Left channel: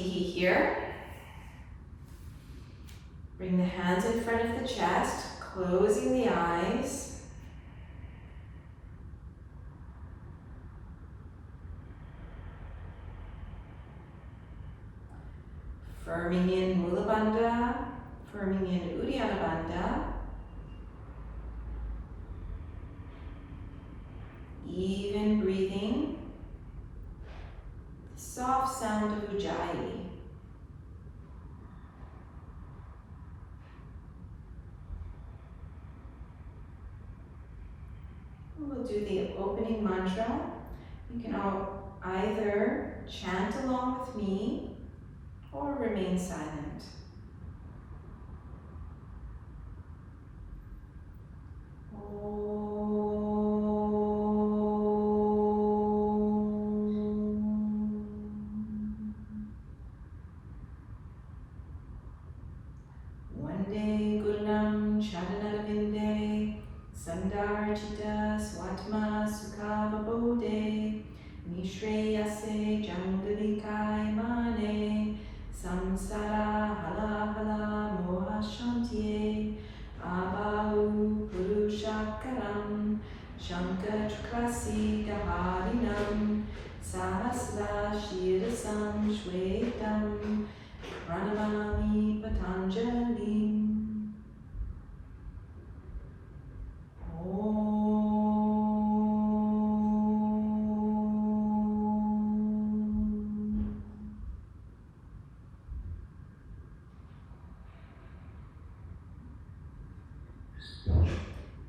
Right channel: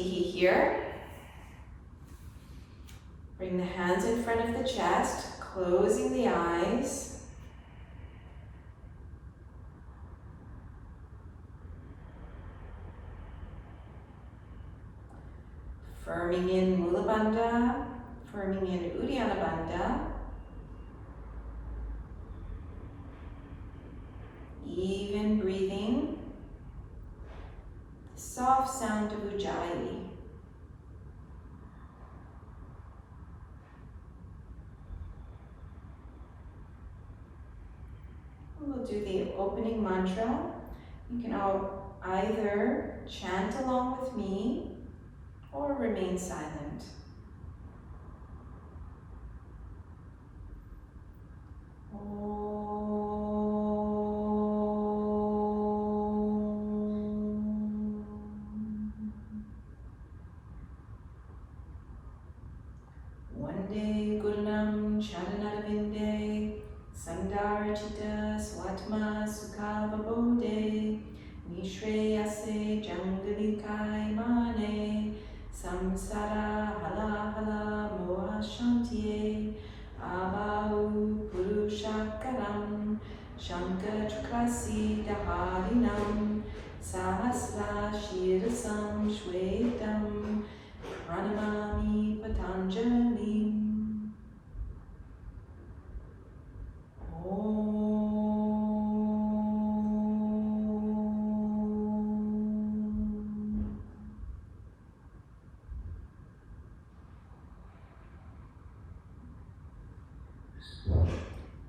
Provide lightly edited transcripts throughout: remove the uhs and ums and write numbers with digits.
teehee here. Bring the hands in front of the chest, closing the eyes. Firming in Mula Bandha, firming in Uddiyana Bandha. Even breathing. Soft sound of Ujjayi. We'll do the opening mantra. You can all either chant along with me or remain silent. Vande Gurulam Charanarvinde Sandarchita Swatma Sukhavabode Nishreyase Jangalikai Mane Samsara Hala Hala Moha Shantye Abahu Purushakaram Shankatrukasi Daharinam Sahasra Shirasam Shvetam Pranamami Patanjali.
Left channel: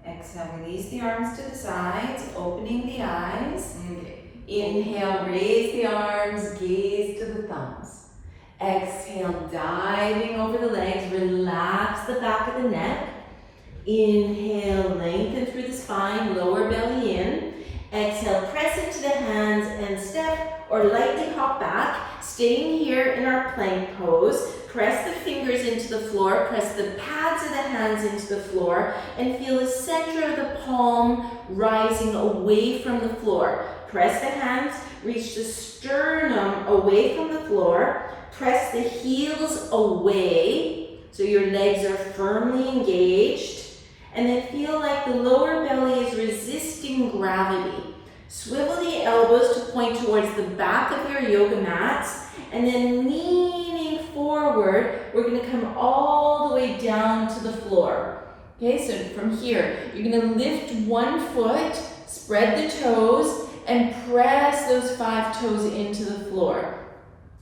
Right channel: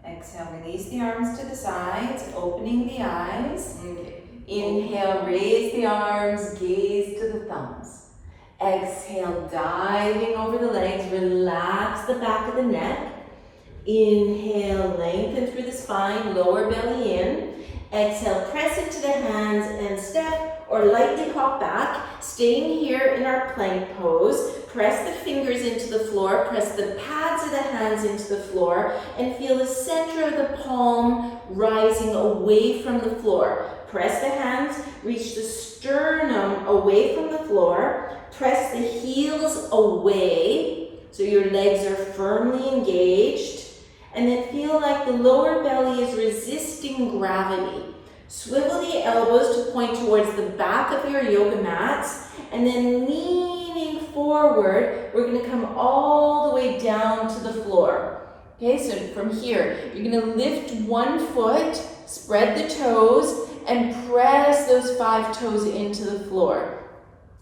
Exhale, release the arms to the sides, opening the eyes. Inhale, raise the arms, gaze to the thumbs. Exhale, diving over the legs, relax the back of the neck. Inhale, lengthen through the spine, lower belly in. Exhale, press into the hands and step or lightly hop back. Staying here in our plank pose. Press the fingers into the floor, press the pads of the hands into the floor, and feel the center of the palm rising away from the floor. Press the hands, reach the sternum away from the floor. Press the heels away so your legs are firmly engaged. And then feel like the lower belly is resisting gravity. Swivel the elbows to point towards the back of your yoga mats. And then leaning forward, we're going to come all the way down to the floor. Okay, so from here, you're going to lift one foot, spread the toes, and press those 5 toes into the floor.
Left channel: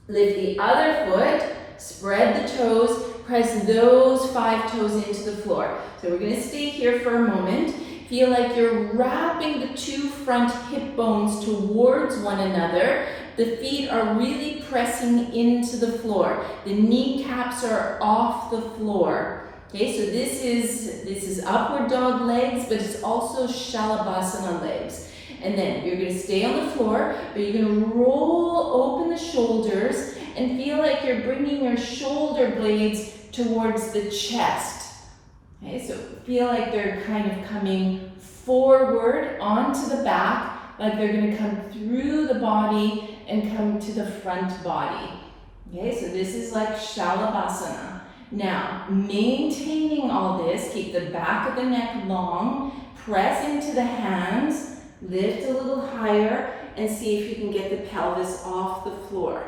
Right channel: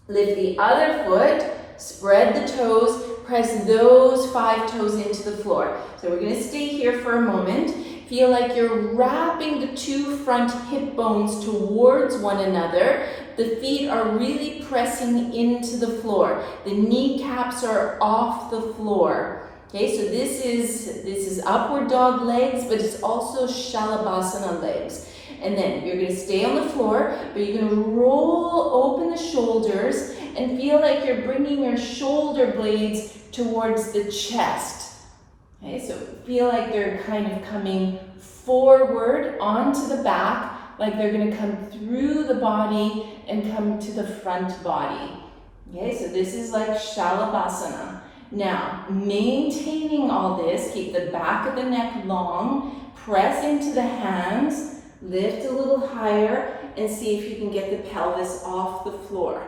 Lift the other foot, spread the toes, press those 5 toes into the floor. So we're going to stay here for a moment. Feel like you're wrapping the 2 front hip bones towards one another. The feet are really pressing into the floor. The kneecaps are off the floor. Okay, so this is upward dog legs, but it's also Shalabhasana legs. And then you're going to stay on the floor, but you're going to roll open the shoulders and feel like you're bringing your shoulder blades towards the chest. Okay, so feel like they're kind of coming forward onto the back, like they're going to come through the body and come to the front body. Okay, so this is like Shalabhasana. Now, maintaining all this, keep the back of the neck long, press into the hands, lift a little higher, and see if you can get the pelvis off the floor.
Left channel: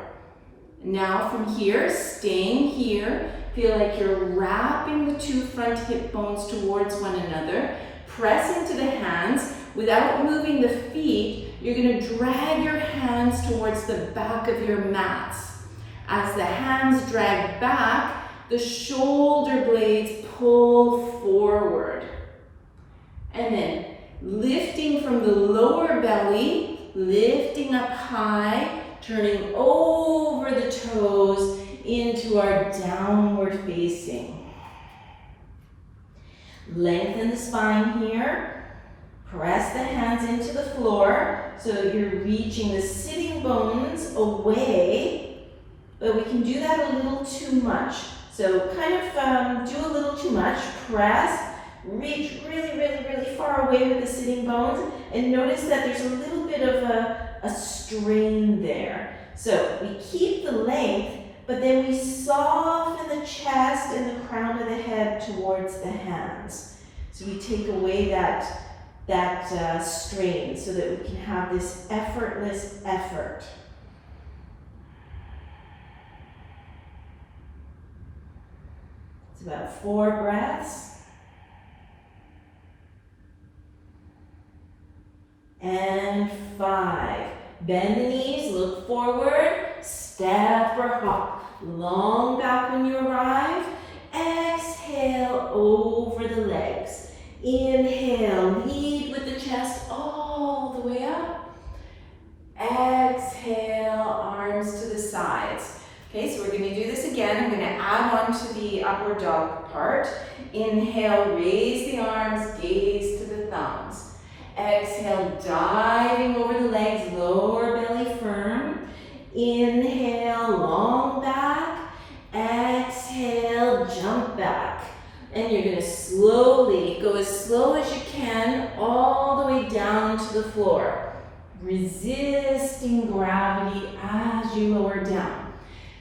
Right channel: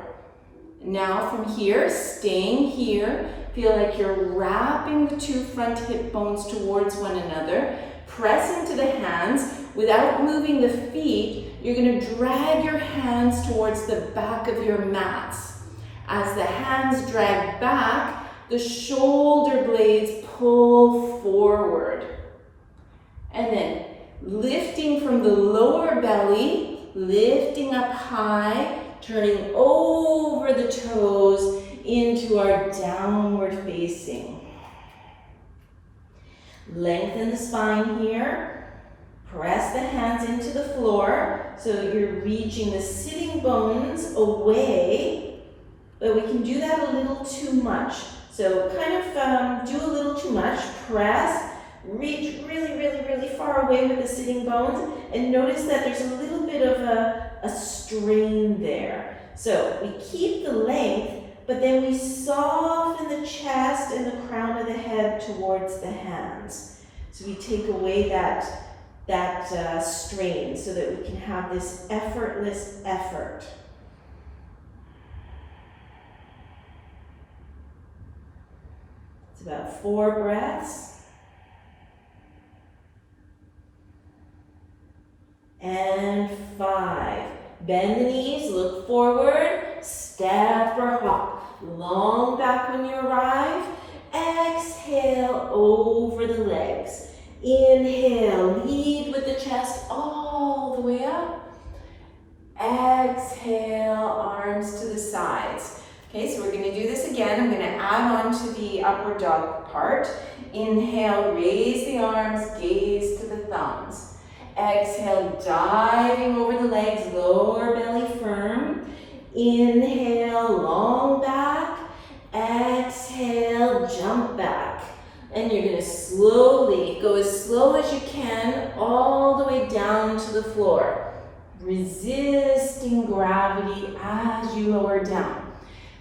Now from here, staying here, feel like you're wrapping the 2 front hip bones towards one another, press into the hands. Without moving the feet, you're going to drag your hands towards the back of your mats. As the hands drag back, the shoulder blades pull forward. And then lifting from the lower belly, lifting up high, turning over the toes into our downward facing. Lengthen the spine here. Press the hands into the floor so that you're reaching the sitting bones away, but we can do that a little too much. So kind of do a little too much. Press, reach really, really, really far away with the sitting bones, and notice that there's a little bit of a strain there. So we keep the length, but then we soften the chest and the crown of the head towards the hands. So we take away that strain so that we can have this effortless effort. It's about 4 breaths. And 5. Bend the knees, look forward, step or hop. Long back when you arrive. Exhale over the legs. Inhale, lead with the chest all the way up. Exhale, arms to the sides. Okay, so we're going to do this again. I'm going to add on to the upward dog part. Inhale, raise the arms, gaze to the thumbs. Exhale, diving over the legs, lower belly firm. Inhale, long back. Exhale, jump back. And you're going to slowly go as slow as you can all the way down to the floor, resisting gravity as you lower down.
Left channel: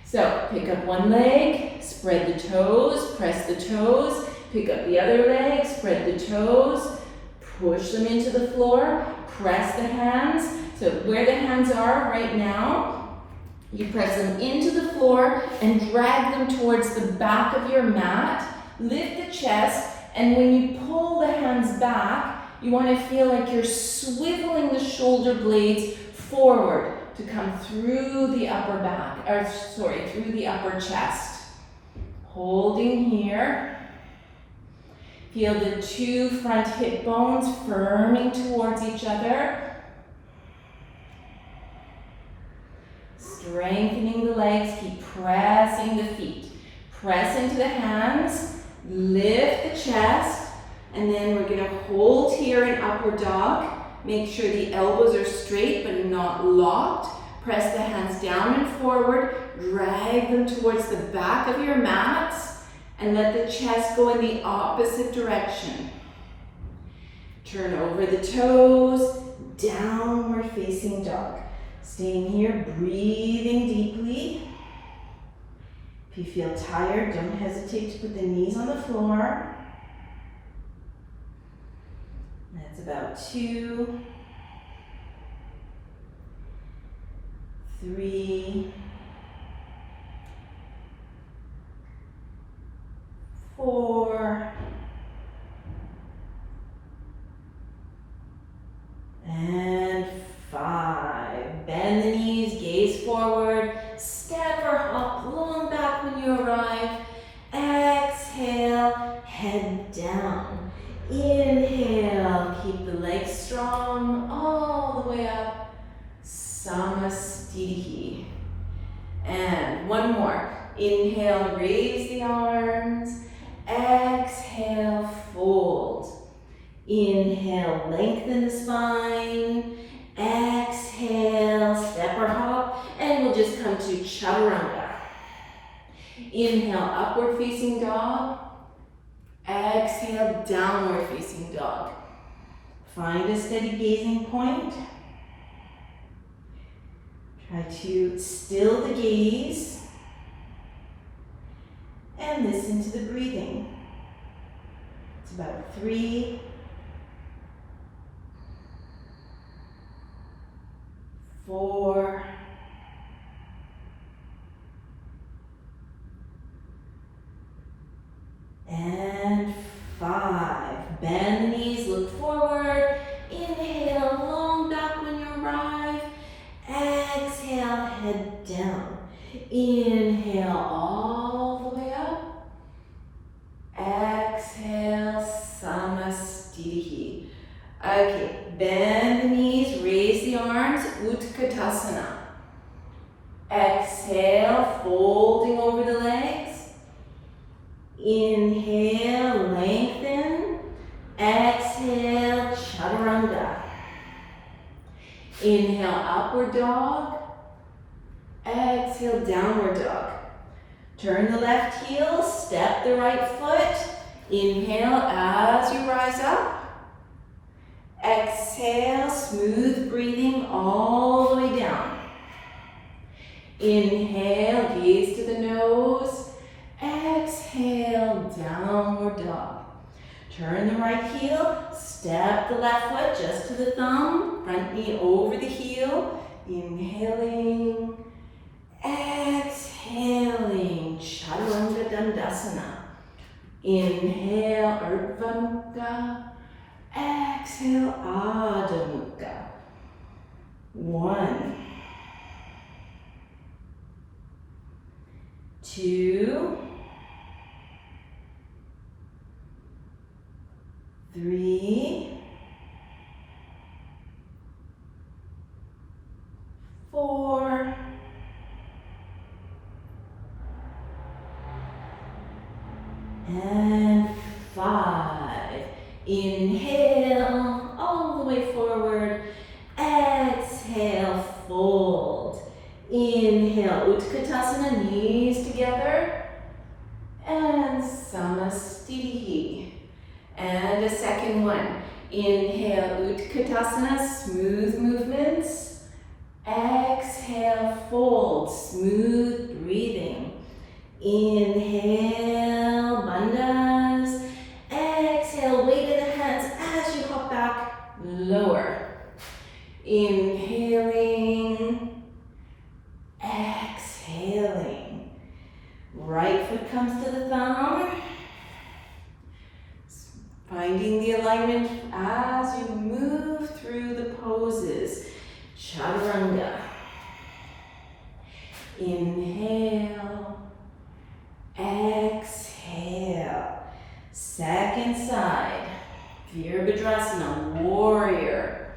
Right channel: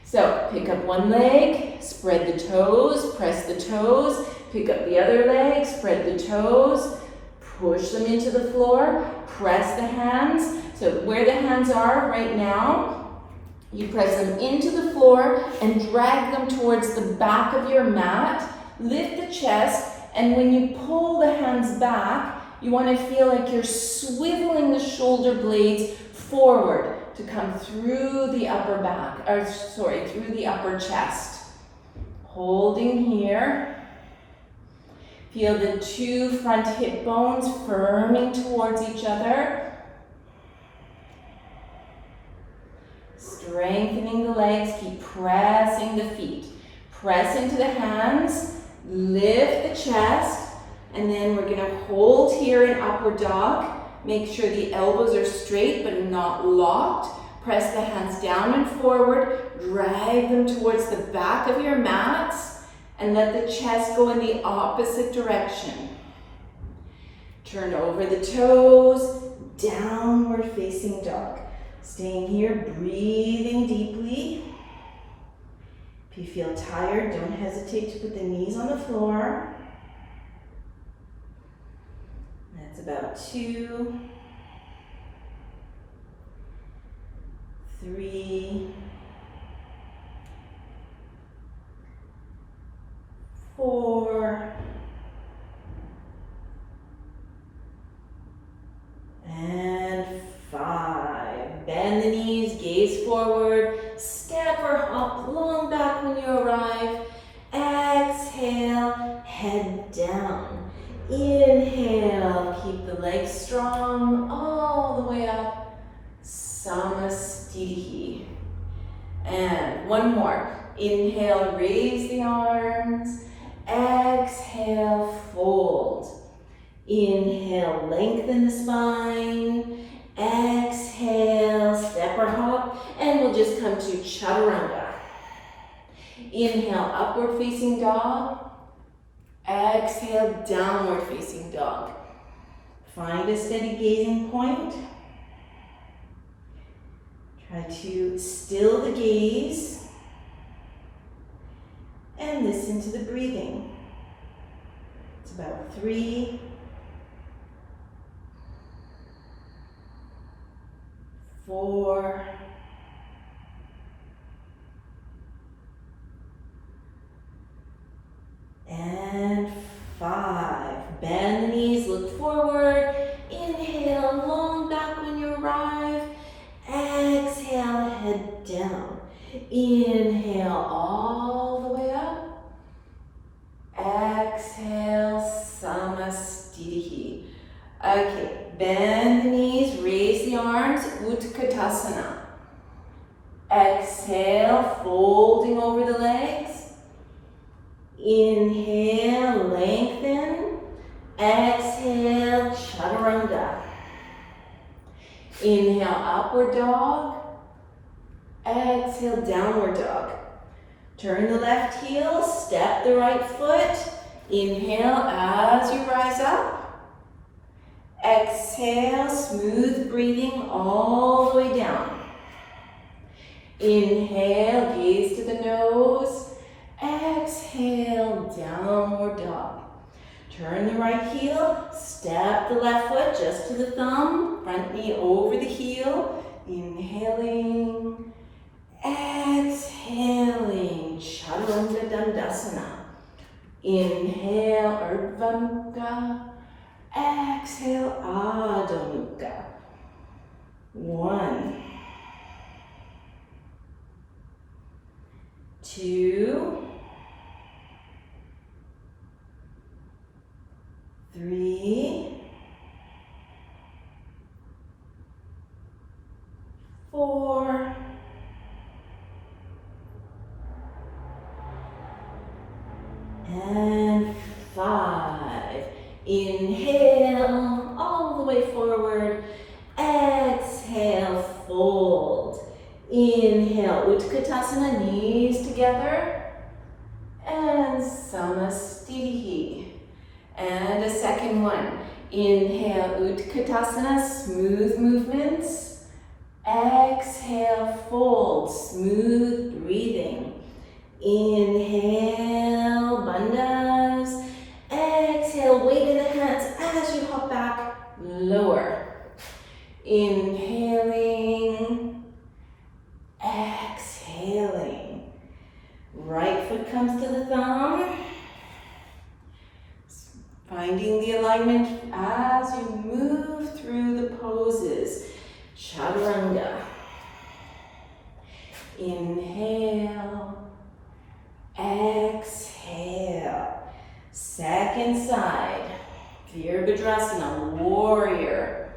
So pick up one leg, spread the toes, press the toes, pick up the other leg, spread the toes, push them into the floor, press the hands. So where the hands are right now, you press them into the floor and drag them towards the back of your mat. Lift the chest, and when you pull the hands back, you want to feel like you're swiveling the shoulder blades forward to come through the upper back, through the upper chest. Holding here. Feel the 2 front hip bones firming towards each other. Strengthening the legs, keep pressing the feet. Press into the hands, lift the chest, and then we're gonna hold here in upward dog. Make sure the elbows are straight but not locked. Press the hands down and forward, drag them towards the back of your mats, and let the chest go in the opposite direction. Turn over the toes, downward facing dog. Staying here, breathing deeply. If you feel tired, don't hesitate to put the knees on the floor. That's about 2, 3, 4, and 5. Bend the knees, gaze forward, step or hop, long back when you arrive. Exhale, head down. Inhale, keep the legs strong all the way up. Samastitihi. And one more. Inhale, raise the arms. Exhale, fold. Inhale, lengthen the spine. Exhale, step or hop, and we'll just come to Chaturanga. Inhale, upward facing dog. Exhale, downward facing dog. Find a steady gazing point. Try to still the gaze and listen to the breathing. It's about 3, 4, and 5. Bend the knees, look forward. Inhale, long back when you arrive. Exhale, head down. Inhale, all the way up. Exhale, Samastitihi. Okay, bend the knees, raise the arms, Utkatasana. Exhale, folding over the legs. Inhale, lengthen. Exhale, Chaturanga. Inhale, upward dog. Exhale, downward dog. Turn the left heel, step the right foot. Inhale as you rise up. Exhale, smooth breathing all the way down. Inhale, gaze to the nose. Exhale, downward dog. Turn the right heel, step the left foot just to the thumb, front knee over the heel. Inhaling, exhaling, Chaturanga Dandasana. Inhale, Urdhva Mukha. Exhale, Adho Mukha. 1, 2, 3, 4, and 5. Inhale all the way forward. Exhale, fold. Inhale, Utkatasana, knees together. And Samastitihi. And a second one. Inhale, Utkatasana, smooth movements. Exhale, fold, smooth breathing. Inhale, bandhas. Exhale, weight in the hands as you hop back, lower. Inhaling, exhaling. Right foot comes to the thumb. Finding the alignment as you move through the poses. Chaturanga. Inhale, exhale. Second side. Virabhadrasana, warrior.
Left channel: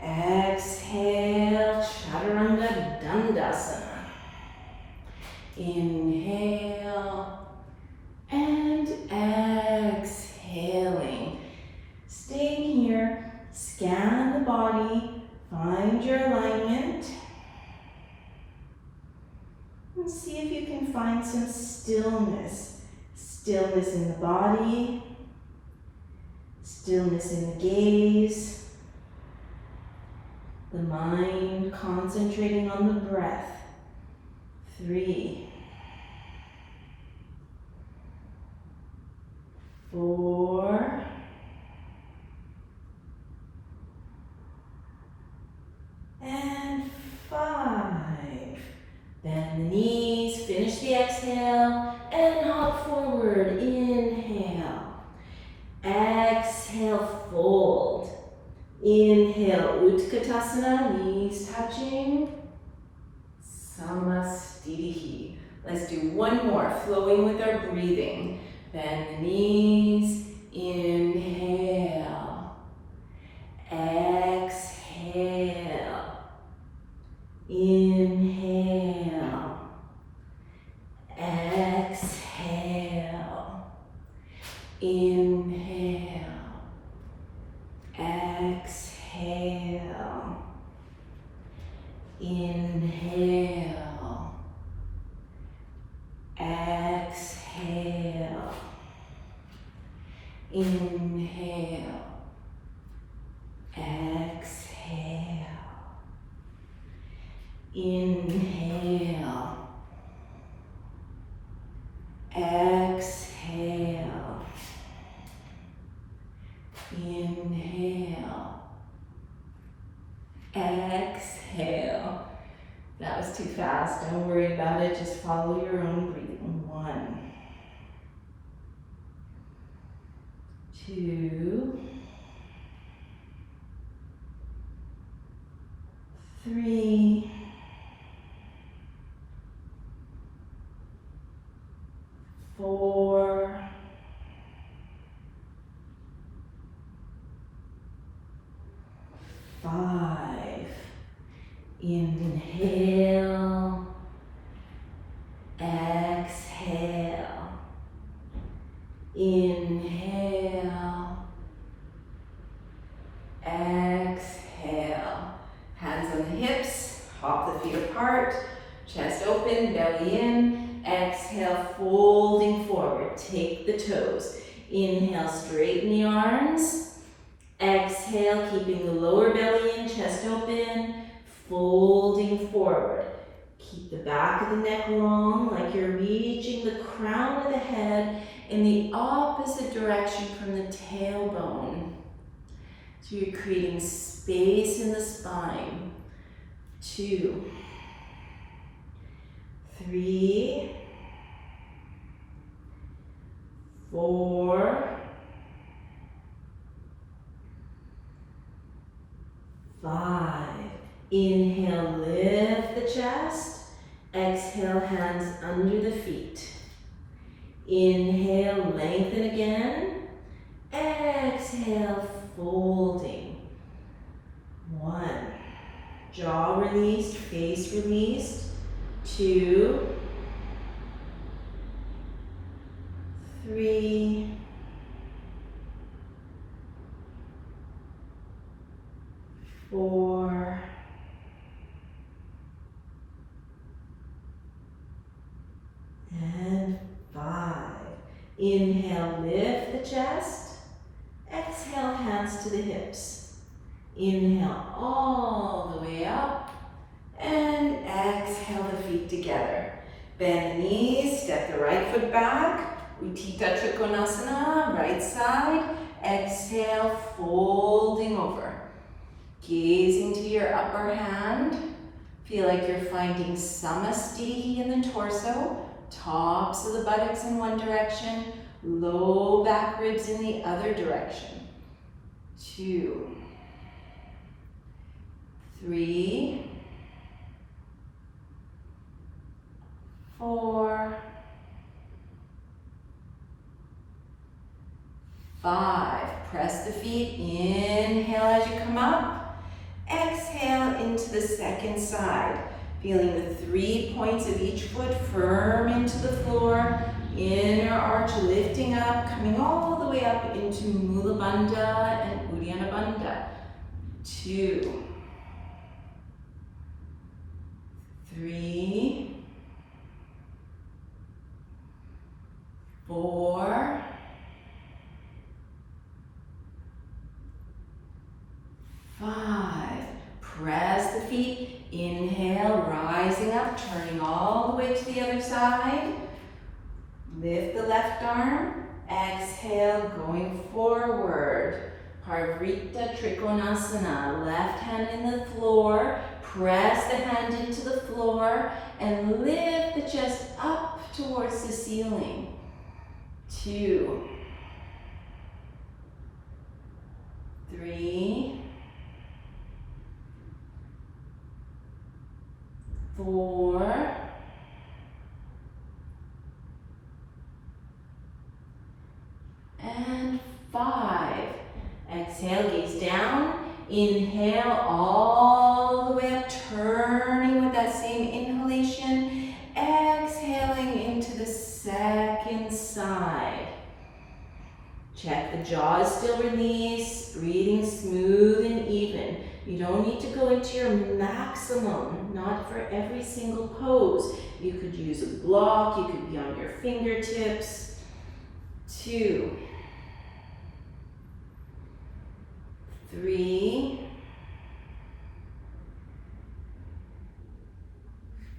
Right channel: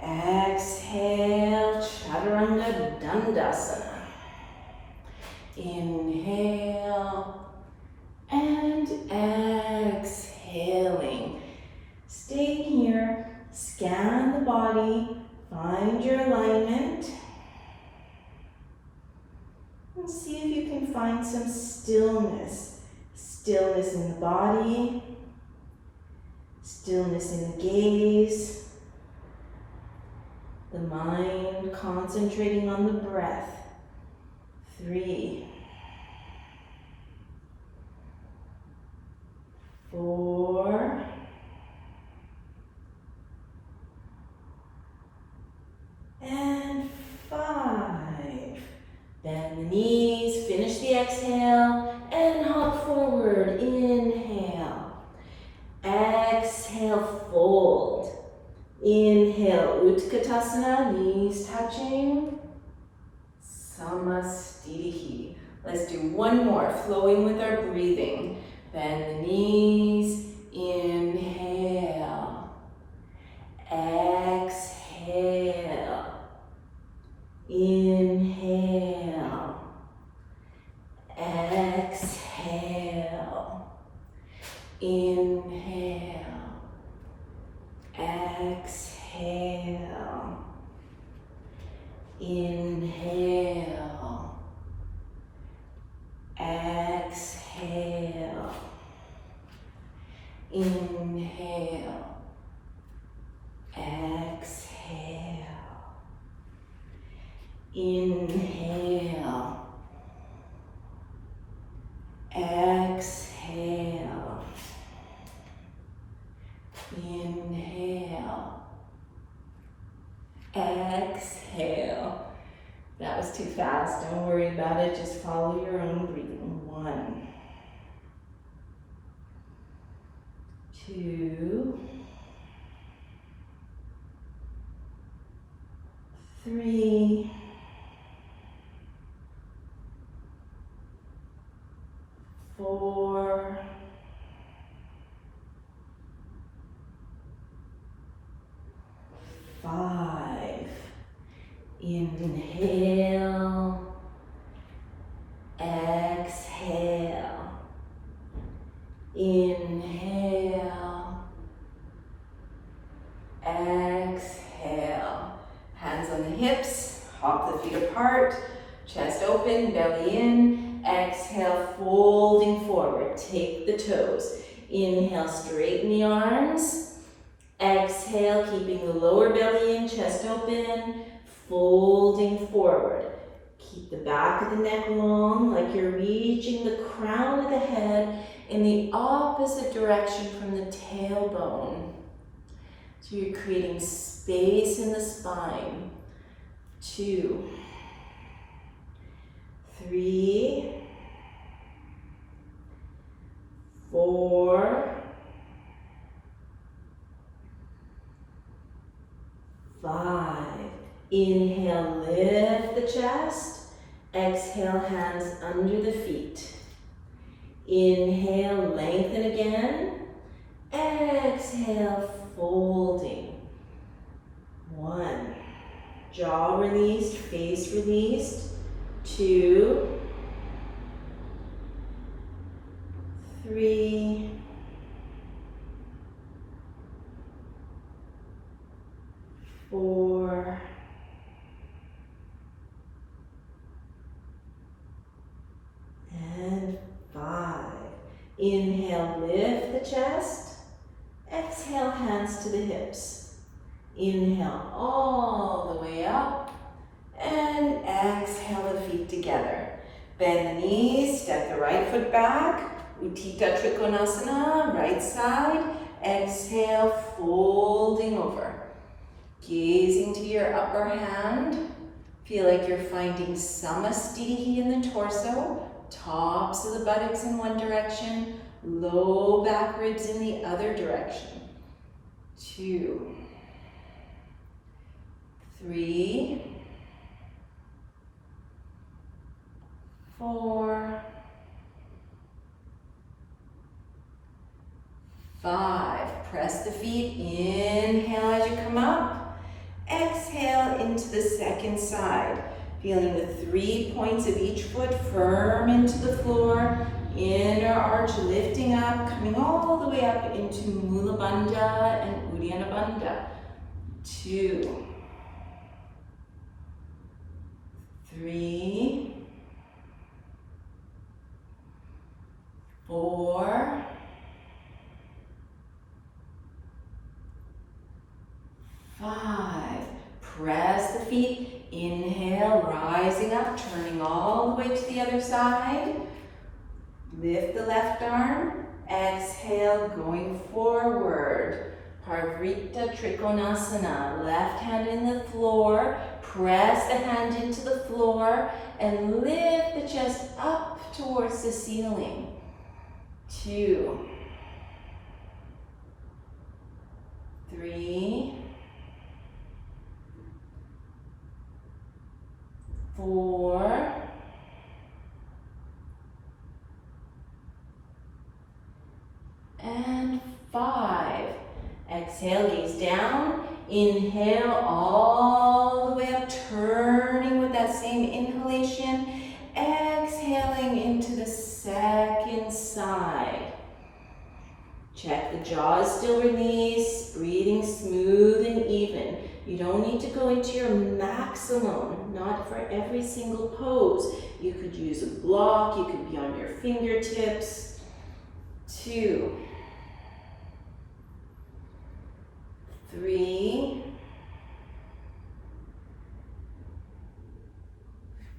Exhale, Chaturanga Dandasana. Inhale and exhaling. Staying here, scan the body, find your alignment, and see if you can find some stillness. Stillness in the body, stillness in the gaze, the mind concentrating on the breath. 3, 4, and 5. Bend the knees, finish the exhale, and hop forward. Inhale. Exhale, fold. Inhale, Utkatasana, knees touching. Samastitihi. Let's do one more, flowing with our breathing. Bend the knees. Inhale. Exhale. Inhale. Exhale. Inhale. Exhale. Inhale. Exhale. Inhale. Exhale. Inhale. Exhale. Inhale. Exhale. That was too fast. Don't worry about it. Just follow your own breathing. 1, 2, 3, 4, 5. Inhale. Exhale. Inhale. Exhale. Hands on the hips. Hop the feet apart. Chest open, belly in. Exhale, folding forward. Take the toes. Inhale, straighten the arms. Exhale, keeping the lower belly in, chest open. folding forward. Keep the back of the neck long, like you're reaching the crown of the head in the opposite direction from the tailbone. So you're creating space in the spine. 2, 3, 4, 5. Inhale, lift the chest. Exhale, hands under the feet. Inhale, lengthen again. Exhale, folding. 1. Jaw released, face released. 2, 3, 4, and 5. Inhale, lift the chest. Exhale, hands to the hips. Inhale all the way up. And exhale the feet together. Bend the knees, step the right foot back. Utthita Trikonasana, right side. Exhale, folding over. Gazing to your upper hand. Feel like you're finding Samastiti in the torso. Tops of the buttocks in one direction. Low back ribs in the other direction. 2, 3, 4, 5. Press the feet. Inhale as you come up. Exhale into the second side. Feeling the 3 points of each foot firm into the floor. Inner arch lifting up, coming all the way up into Mula Bandha and Uddiyana Bandha. 2, 3, 4, 5. Press the feet. Inhale, rising up, turning all the way to the other side. Lift the left arm. Exhale, going forward. Parvrita Trikonasana. Left hand in the floor. Press the hand into the floor and lift the chest up towards the ceiling. 2, 3, 4, and 5. Exhale, gaze down. Inhale all the way up, turning with that same inhalation. Exhaling into the second side. Check the jaw is still released, breathing smooth and even. You don't need to go into your maximum, not for every single pose. You could use a block, you could be on your fingertips. 2, 3,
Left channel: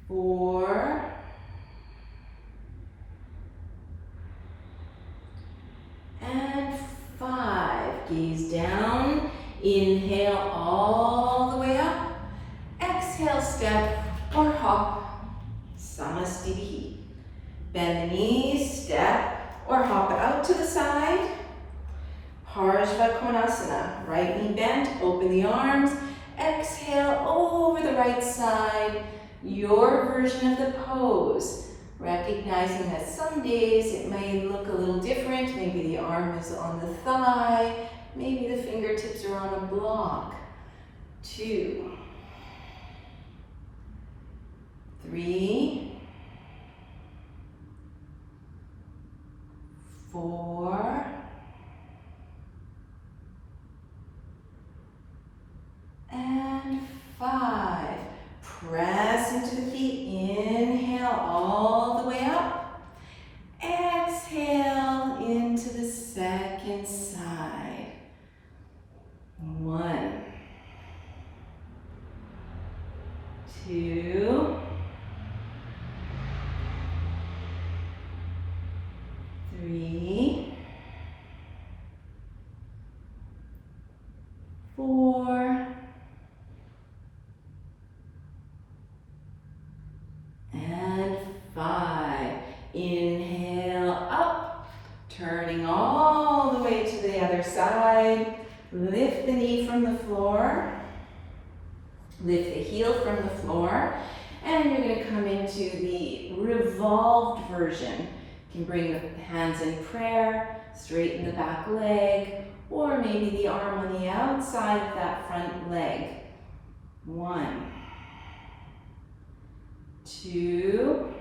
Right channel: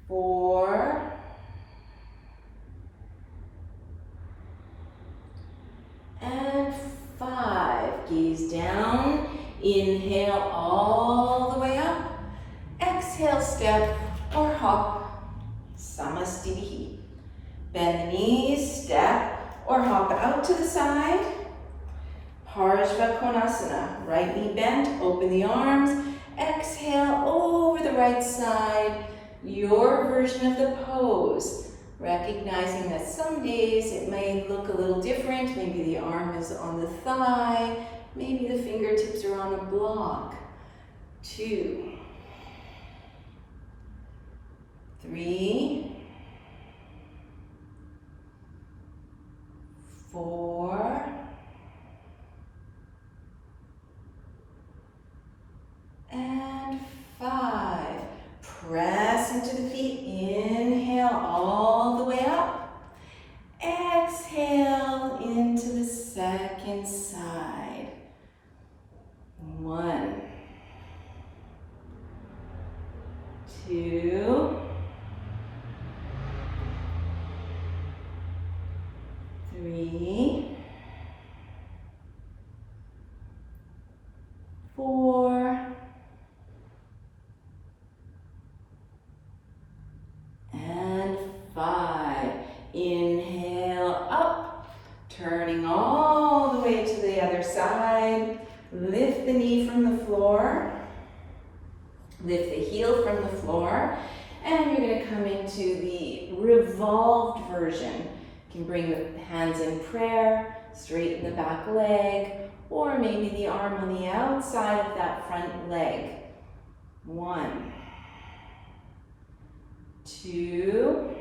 4, and 5. Gaze down. Inhale all the way up. Exhale, step or hop. Samastiti. Bend the knees, step or hop out to the side. Parsvottanasana. Right knee bent, open the arms. Exhale over the right side. Your version of the pose. Recognizing that some days it may look a little different. Maybe the arm is on the thigh. Maybe the fingertips are on a block. 2, 3, 4, and 5. Press into the feet. Inhale all the way up. Exhale into the second side. 1, 2, 3, 4, and 5. Inhale up, turning all the way to the other side. Lift the knee from the floor. Lift the heel from the floor. And you're going to come into the revolved version. You can bring the hands in prayer, straighten the back leg, or maybe the arm on the outside of that front leg. 1, 2,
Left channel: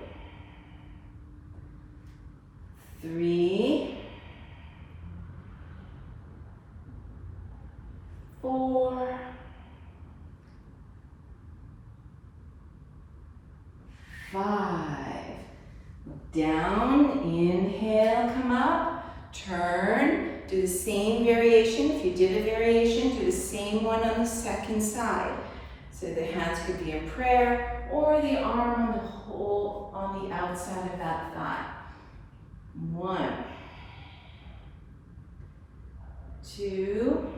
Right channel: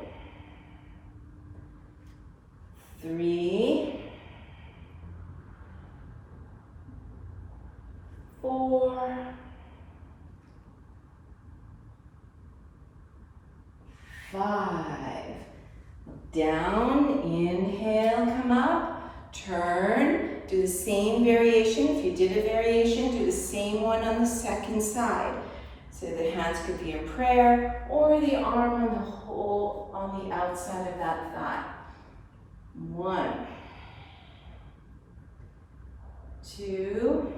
3, 4, 5. Down, inhale, come up, turn, do the same variation. If you did a variation, do the same one on the second side. So the hands could be in prayer or the arm on the outside of that thigh. 1, 2,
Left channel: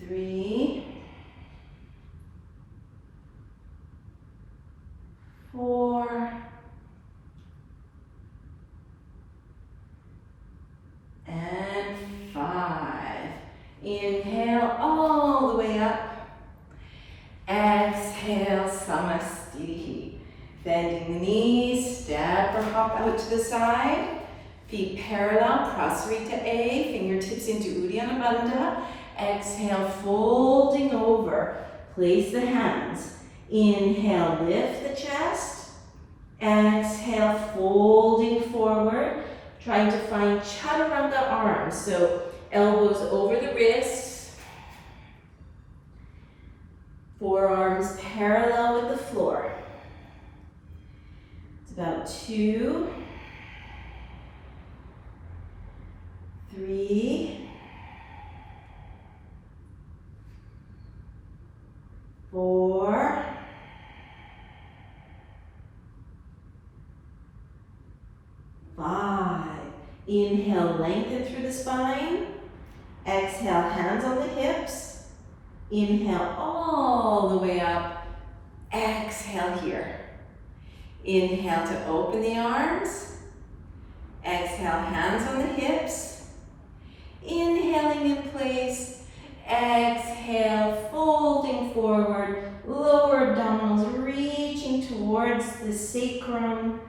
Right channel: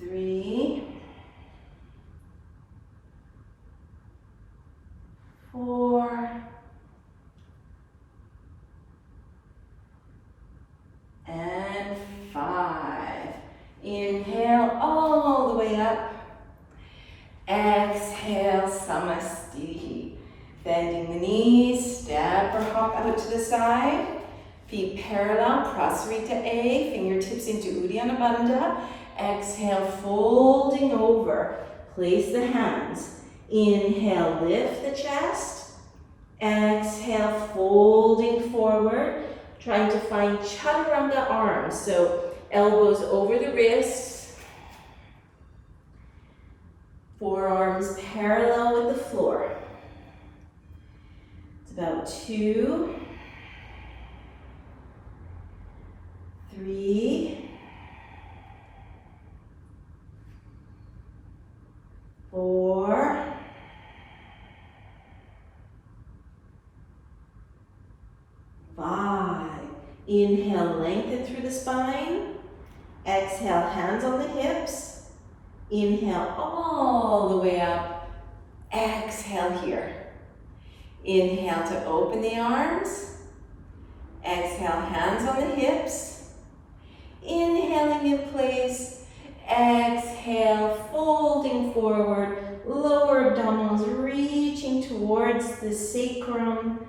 3, 4, and 5. Inhale all the way up. Exhale, Samastiti. Bending the knees, step or hop out to the side. Feet parallel, Parsvottanasana A, fingertips into Uddiyana Bandha. Exhale, folding over. Place the hands. Inhale, lift the chest. Exhale, folding forward. Trying to find Chaturanga arms. So elbows over the wrists. Forearms parallel with the floor. It's about 2, 3, 4, 5. Inhale, lengthen through the spine. Exhale, hands on the hips. Inhale all the way up. Exhale here. Inhale to open the arms. Exhale, hands on the hips. Inhaling in place. Exhale, folding forward. Lower abdominals reaching towards the sacrum.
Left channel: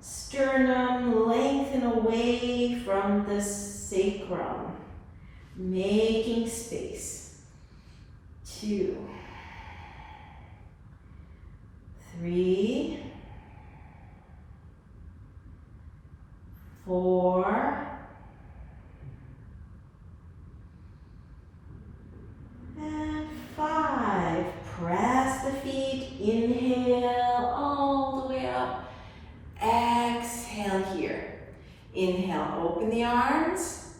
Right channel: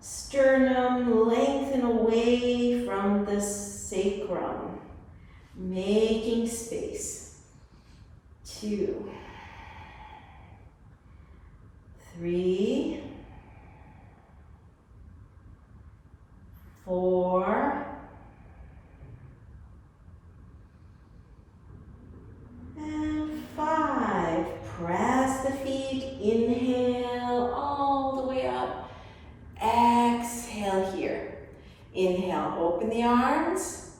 Sternum, lengthen away from the sacrum. Making space. 2, 3, 4, and 5. Press the feet. Inhale all the way up. Exhale here. Inhale, open the arms.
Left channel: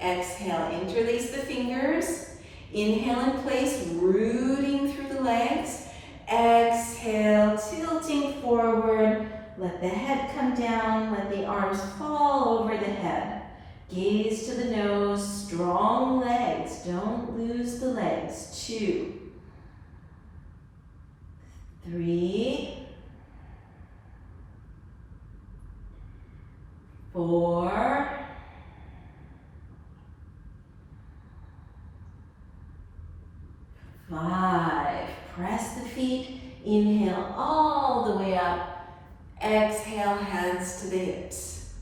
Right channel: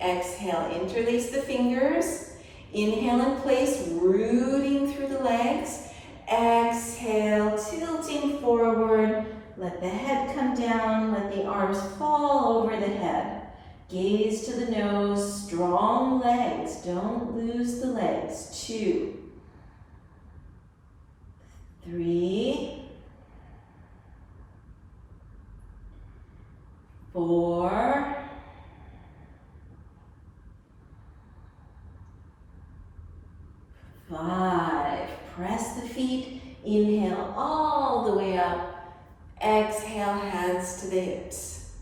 Exhale, interlace the fingers. Inhale in place, rooting through the legs. Exhale, tilting forward. Let the head come down. Let the arms fall over the head. Gaze to the nose. Strong legs. Don't lose the legs. 2, 3, 4, 5. Press the feet. Inhale all the way up. Exhale, hands to the hips.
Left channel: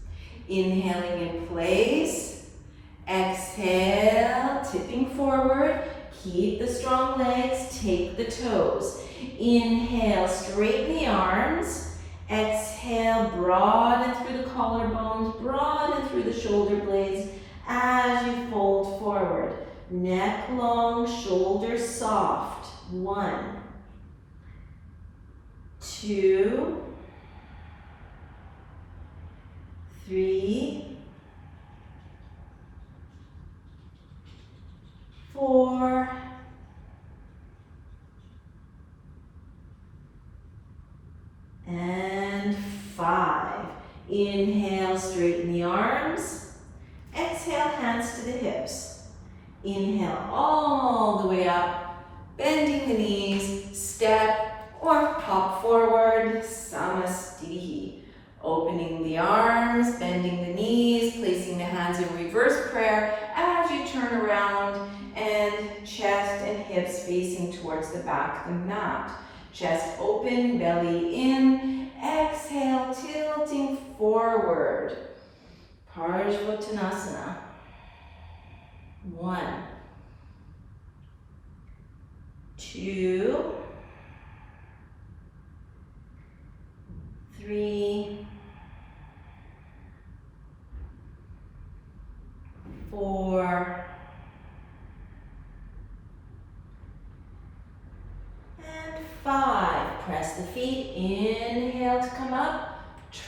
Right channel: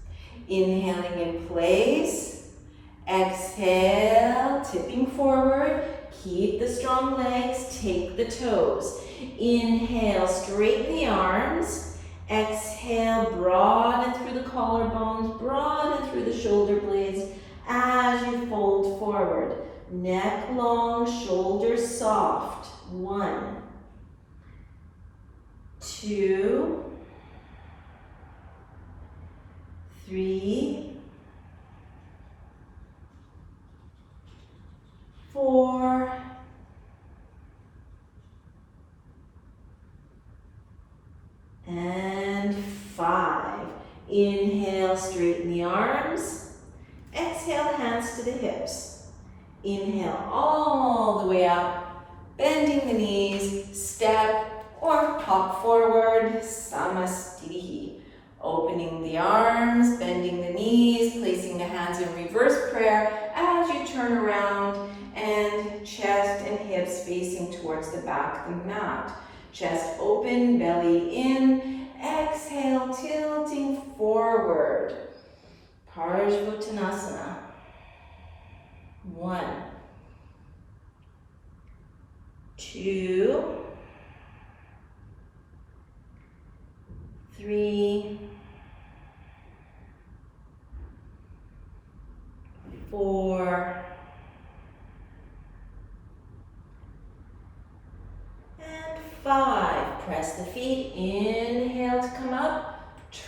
Inhaling in place. Exhale, tipping forward. Keep the strong legs. Take the toes. Inhale, straighten the arms. Exhale, broaden through the collarbones. Broaden through the shoulder blades as you fold forward. Neck long, shoulders soft. 1, 2, 3, 4, Inhale, straighten the arms. Exhale, hands to the hips. Inhale all the way up, bending the knees, step or hop forward, Samastitihi. Opening the arms, bending the knees, placing the hands in reverse prayer as you turn around, and chest and hips facing towards the back of the mat. Chest open, belly in. Exhale, tilting forward. Parsvottanasana. 1, 2, 3, 4, and 5. Press the feet. Inhale to come up.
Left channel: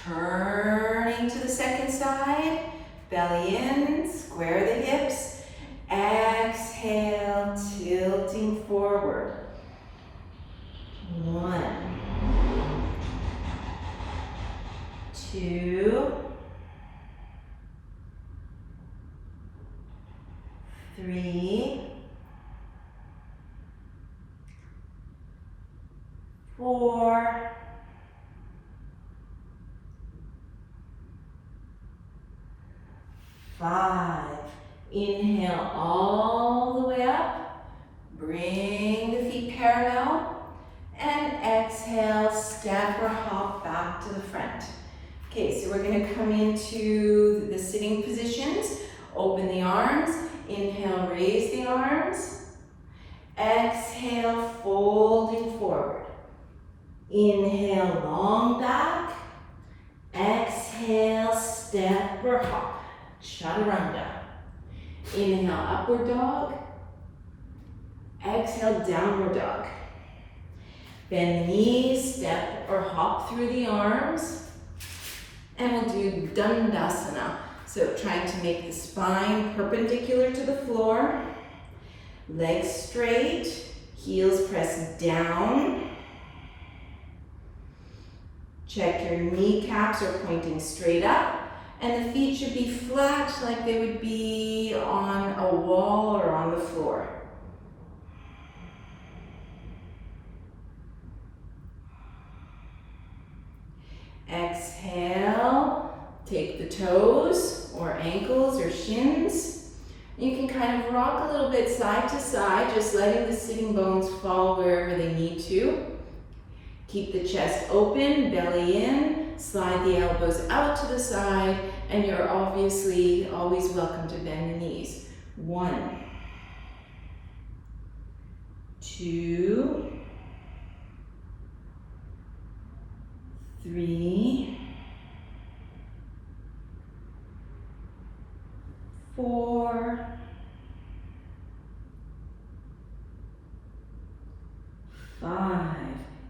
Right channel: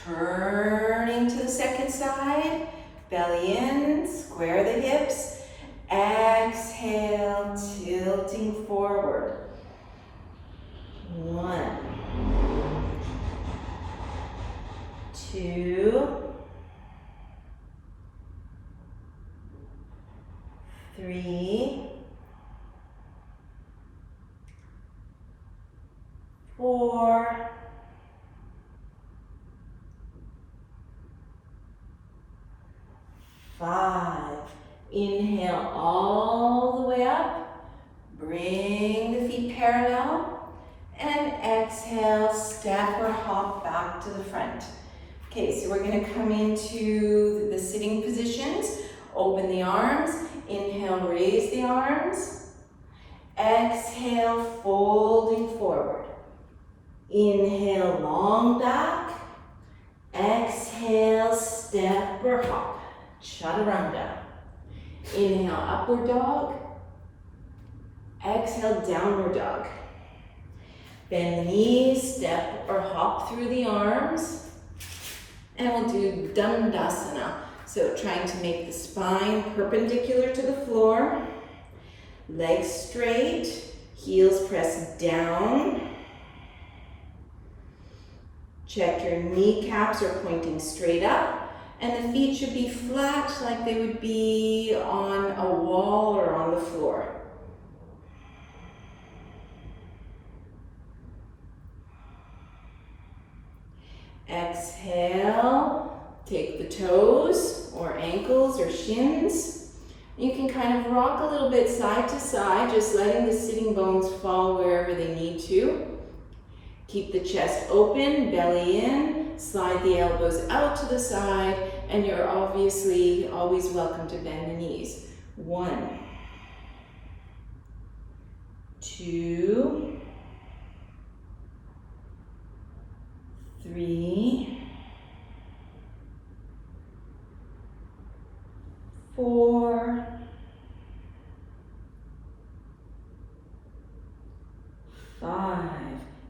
Turning to the second side. Belly in. Square the hips. Exhale, tilting forward. 1, 2, 3, 4, 5. Inhale all the way up. Bring the feet parallel. And exhale, step or hop back to the front. Okay, so we're going to come into the sitting positions. Open the arms. Inhale, raise the arms. Exhale, folding forward. Inhale, long back. Exhale, step or hop. Chaturanga. Inhale, upward dog. Exhale, downward dog. Bend the knees, step or hop through the arms. And we'll do Dandasana. So trying to make the spine perpendicular to the floor. Legs straight, heels press down. Check your kneecaps are pointing straight up. And the feet should be flat like they would be on a wall or on the floor. Exhale, take the toes or ankles or shins. You can kind of rock a little bit side to side, just letting the sitting bones fall wherever they need to. Keep the chest open, belly in, slide the elbows out to the side, and you're obviously always welcome to bend the knees. 1, 2, 3, 4, 5.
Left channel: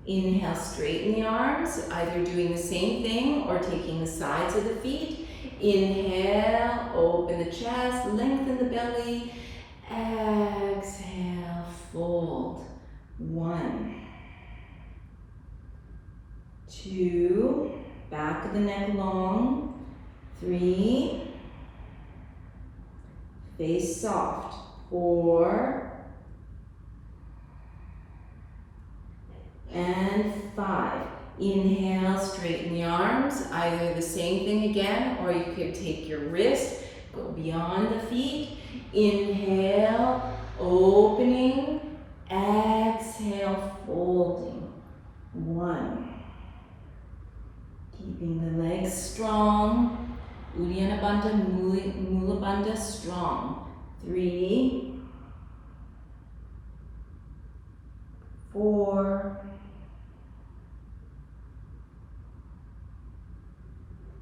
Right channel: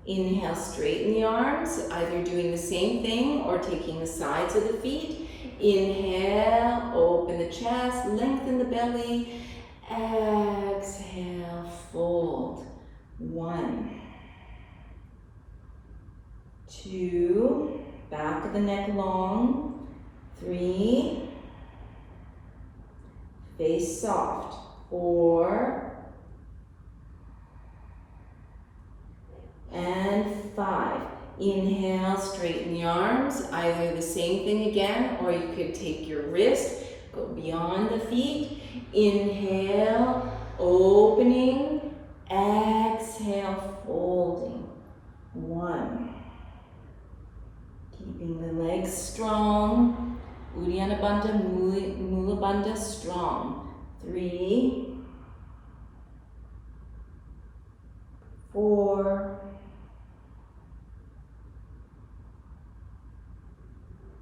Inhale, straighten the arms, either doing the same thing or taking the sides of the feet. Inhale, open the chest, lengthen the belly. Exhale, fold. 1, 2, back of the neck long. 3, face soft. 4, and 5. Inhale, straighten the arms, either the same thing again, or you could take your wrist, go beyond the feet. Inhale, opening. Exhale, folding. 1. Keeping the legs strong. Uddiyana Bandha, Mula Bandha strong. 3, 4,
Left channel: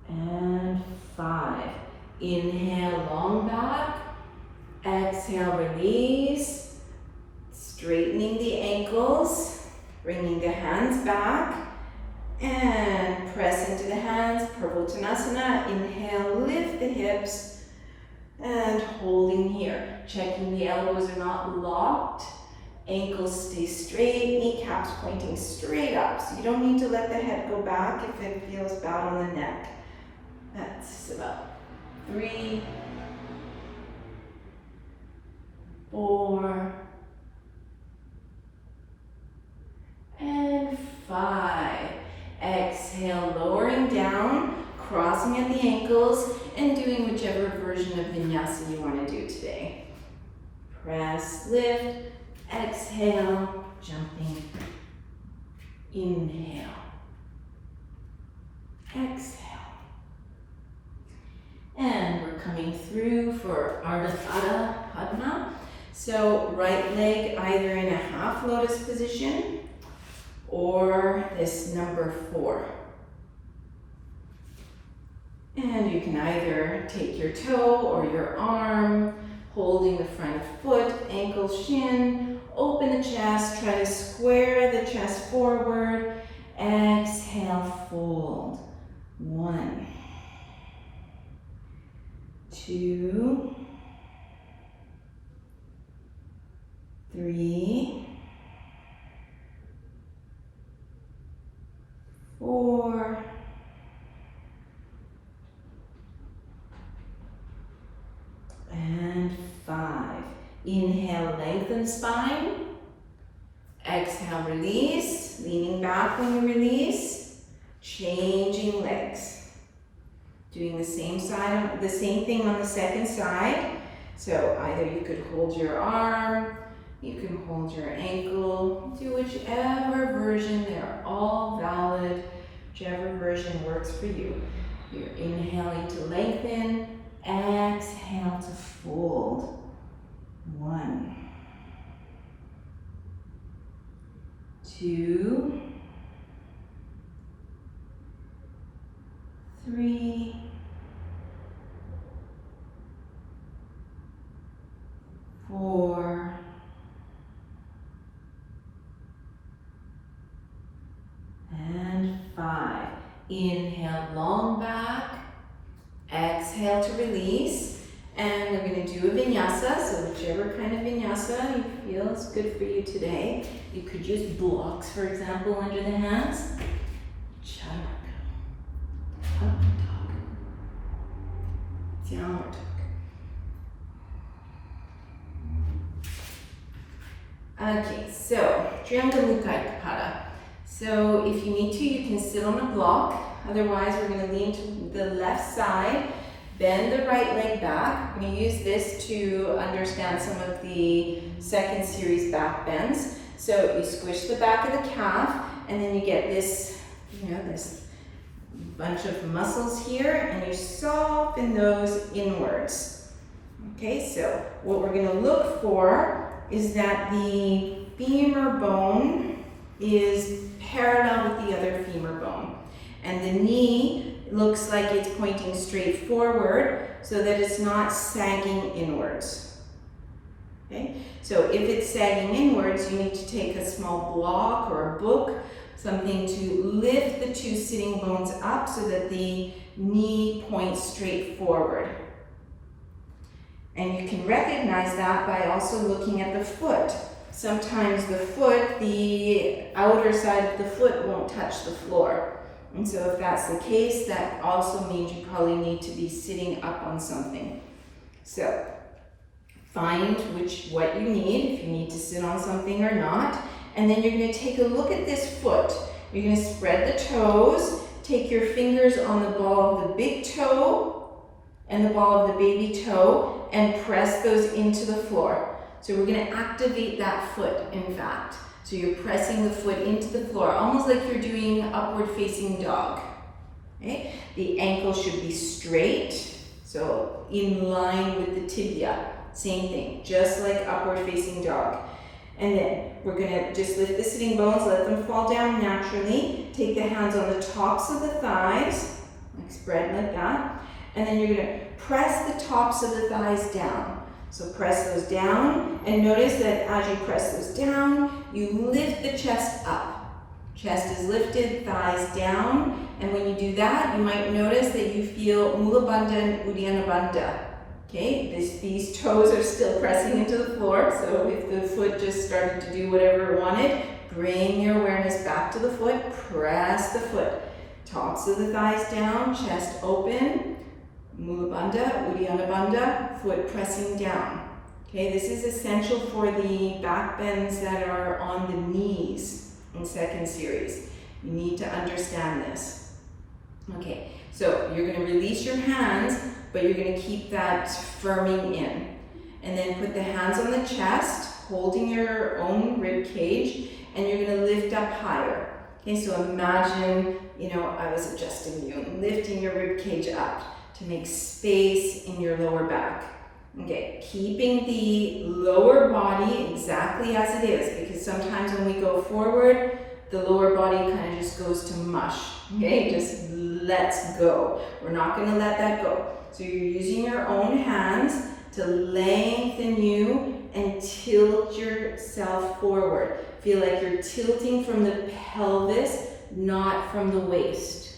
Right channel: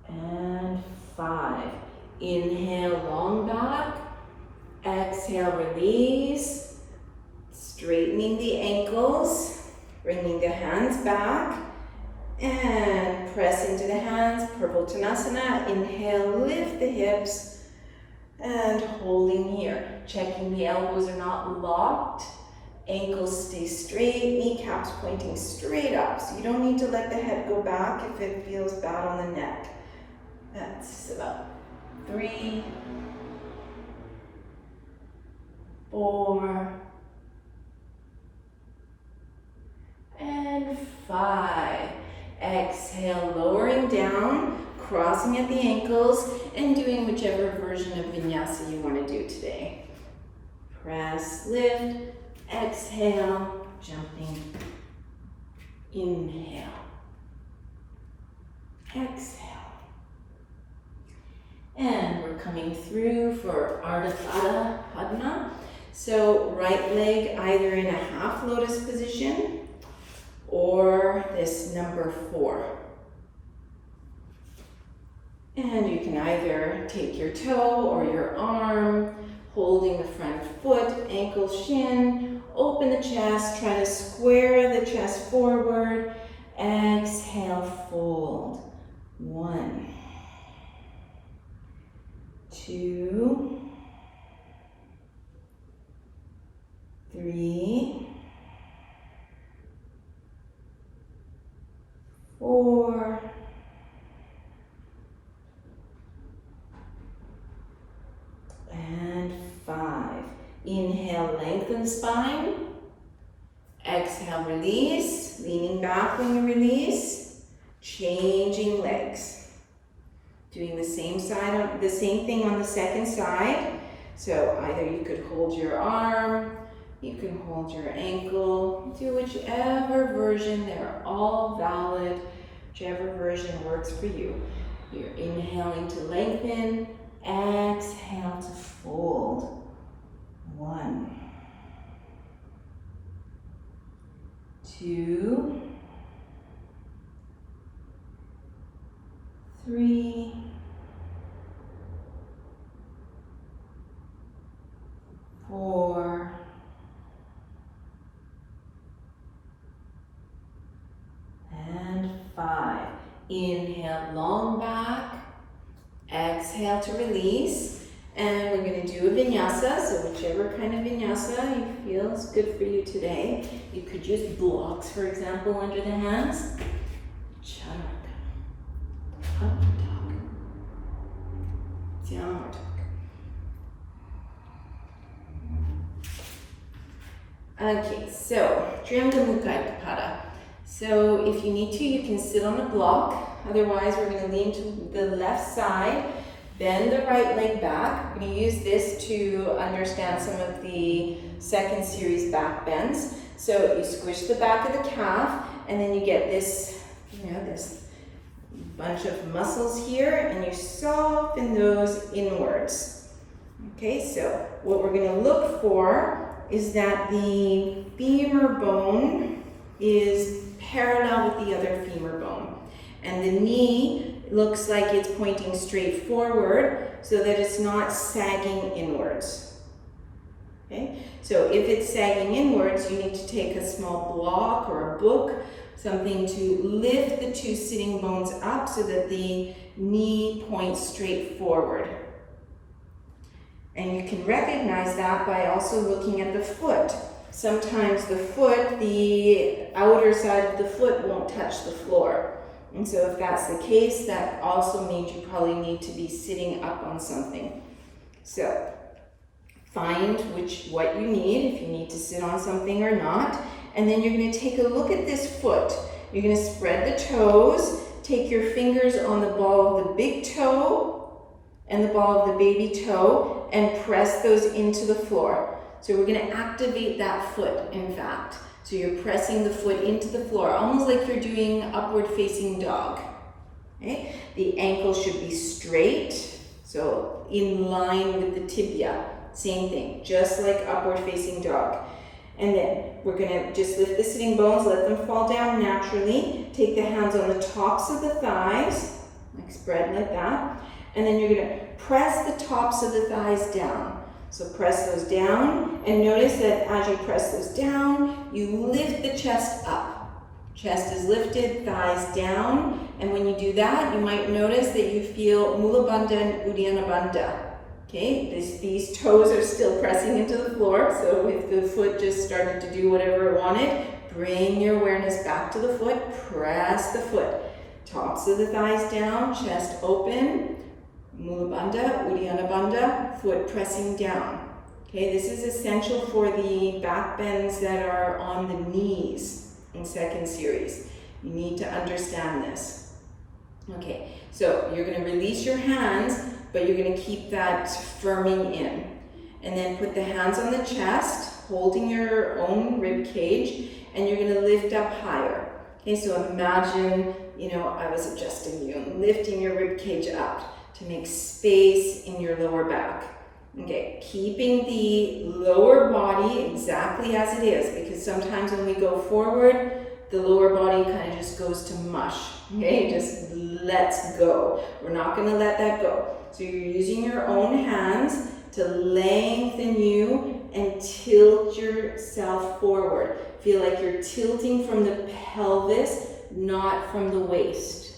and 5. Inhale, long back. Exhale, release. Straightening the ankles. Bringing the hands back. And press into the hands. Parsvottanasana. Inhale, lift the hips. And holding here. Checking the elbows are not locked. Ankles stay straight, kneecaps pointing straight up. So you don't need to let the head go back if it feels bad on the neck. up. 3, 4, and 5. Exhale, lowering down, crossing at the ankles, and doing whichever version of vinyasa you want to do today. Press, lift, exhale, jumping. Inhale. Exhale. And we're coming through for Ardha Padma. So right leg either in a half lotus position or this number 4. And you can either take your toe or your arm, holding the front foot, ankle, shin, open the chest, try to square the chest forward, exhale, fold. 1, 2, 3, 4, and 5. Inhale, lengthen spine. Exhale, release, leaning back when you release, changing legs. Doing the same thing on the second side. So either you could hold your arm, you can hold your ankle, do whichever version, they're all valid, whichever version works for you. You're inhaling to lengthen, exhale to fold. 1, 2, 3, 4, and 5. Inhale, long back. Exhale to release. And we're going to do a vinyasa. So whichever kind of vinyasa you feel is good for you today. You could use blocks, for example, under the hands. Chaturanga. Up dog. Downward dog. Okay, so Trianga Mukhaikapada. So if you need to, you can sit on a block. Otherwise, we're going to lean to the left side, bend the right leg back. We're going to use this to understand some of the second series back bends. So you squish the back of the calf, and then you get this, this bunch of muscles here, and you soften those inwards. Okay, so what we're going to look for is that the femur bone is parallel with the other femur bone. And the knee looks like it's pointing straight forward so that it's not sagging inwards. Okay, so if it's sagging inwards, you need to take a small block or a book, something to lift the 2 sitting bones up so that the knee points straight forward. And you can recognize that by also looking at the foot. Sometimes the foot, the outer side of the foot won't touch the floor. And so if that's the case, that also means you probably need to be sitting up on something. So find what you need, if you need to sit on something or not. And then you're going to take a look at this foot. You're going to spread the toes, take your fingers on the ball of the big toe and the ball of the baby toe and press those into the floor. So we're going to activate that foot, in fact. So you're pressing the foot into the floor, almost like you're doing upward facing dog. Okay? The ankle should be straight, so in line with the tibia. Same thing, just like upward facing dog. And then we're going to just lift the sitting bones, let them fall down naturally. Take the hands on the tops of the thighs, like spread like that. And then you're going to press the tops of the thighs down. So press those down, and notice that as you press those down, you lift the chest up. Chest is lifted, thighs down, and when you do that, you might notice that you feel Mula Bandha and Uddiyana Bandha. Okay, these toes are still pressing into the floor, so if the foot just started to do whatever it wanted, bring your awareness back to the foot, press the foot. Tops of the thighs down, chest open, Mula Bandha, Uddiyana Bandha, foot pressing down. Okay, this is essential for the back bends that are on the knees in second series. You need to understand this. Okay, so you're going to release your hands, but you're going to keep that firming in. And then put the hands on the chest, holding your own rib cage, and you're going to lift up higher. Okay, so imagine, I was adjusting you, lifting your rib cage up to make space in your lower back. Okay, keeping the lower body exactly as it is, because sometimes when we go forward, the lower body kind of just goes to mush. Okay, just lets go. We're not going to let that go. So you're using your own hands to lengthen you and tilt yourself forward. Feel like you're tilting from the pelvis, not from the waist.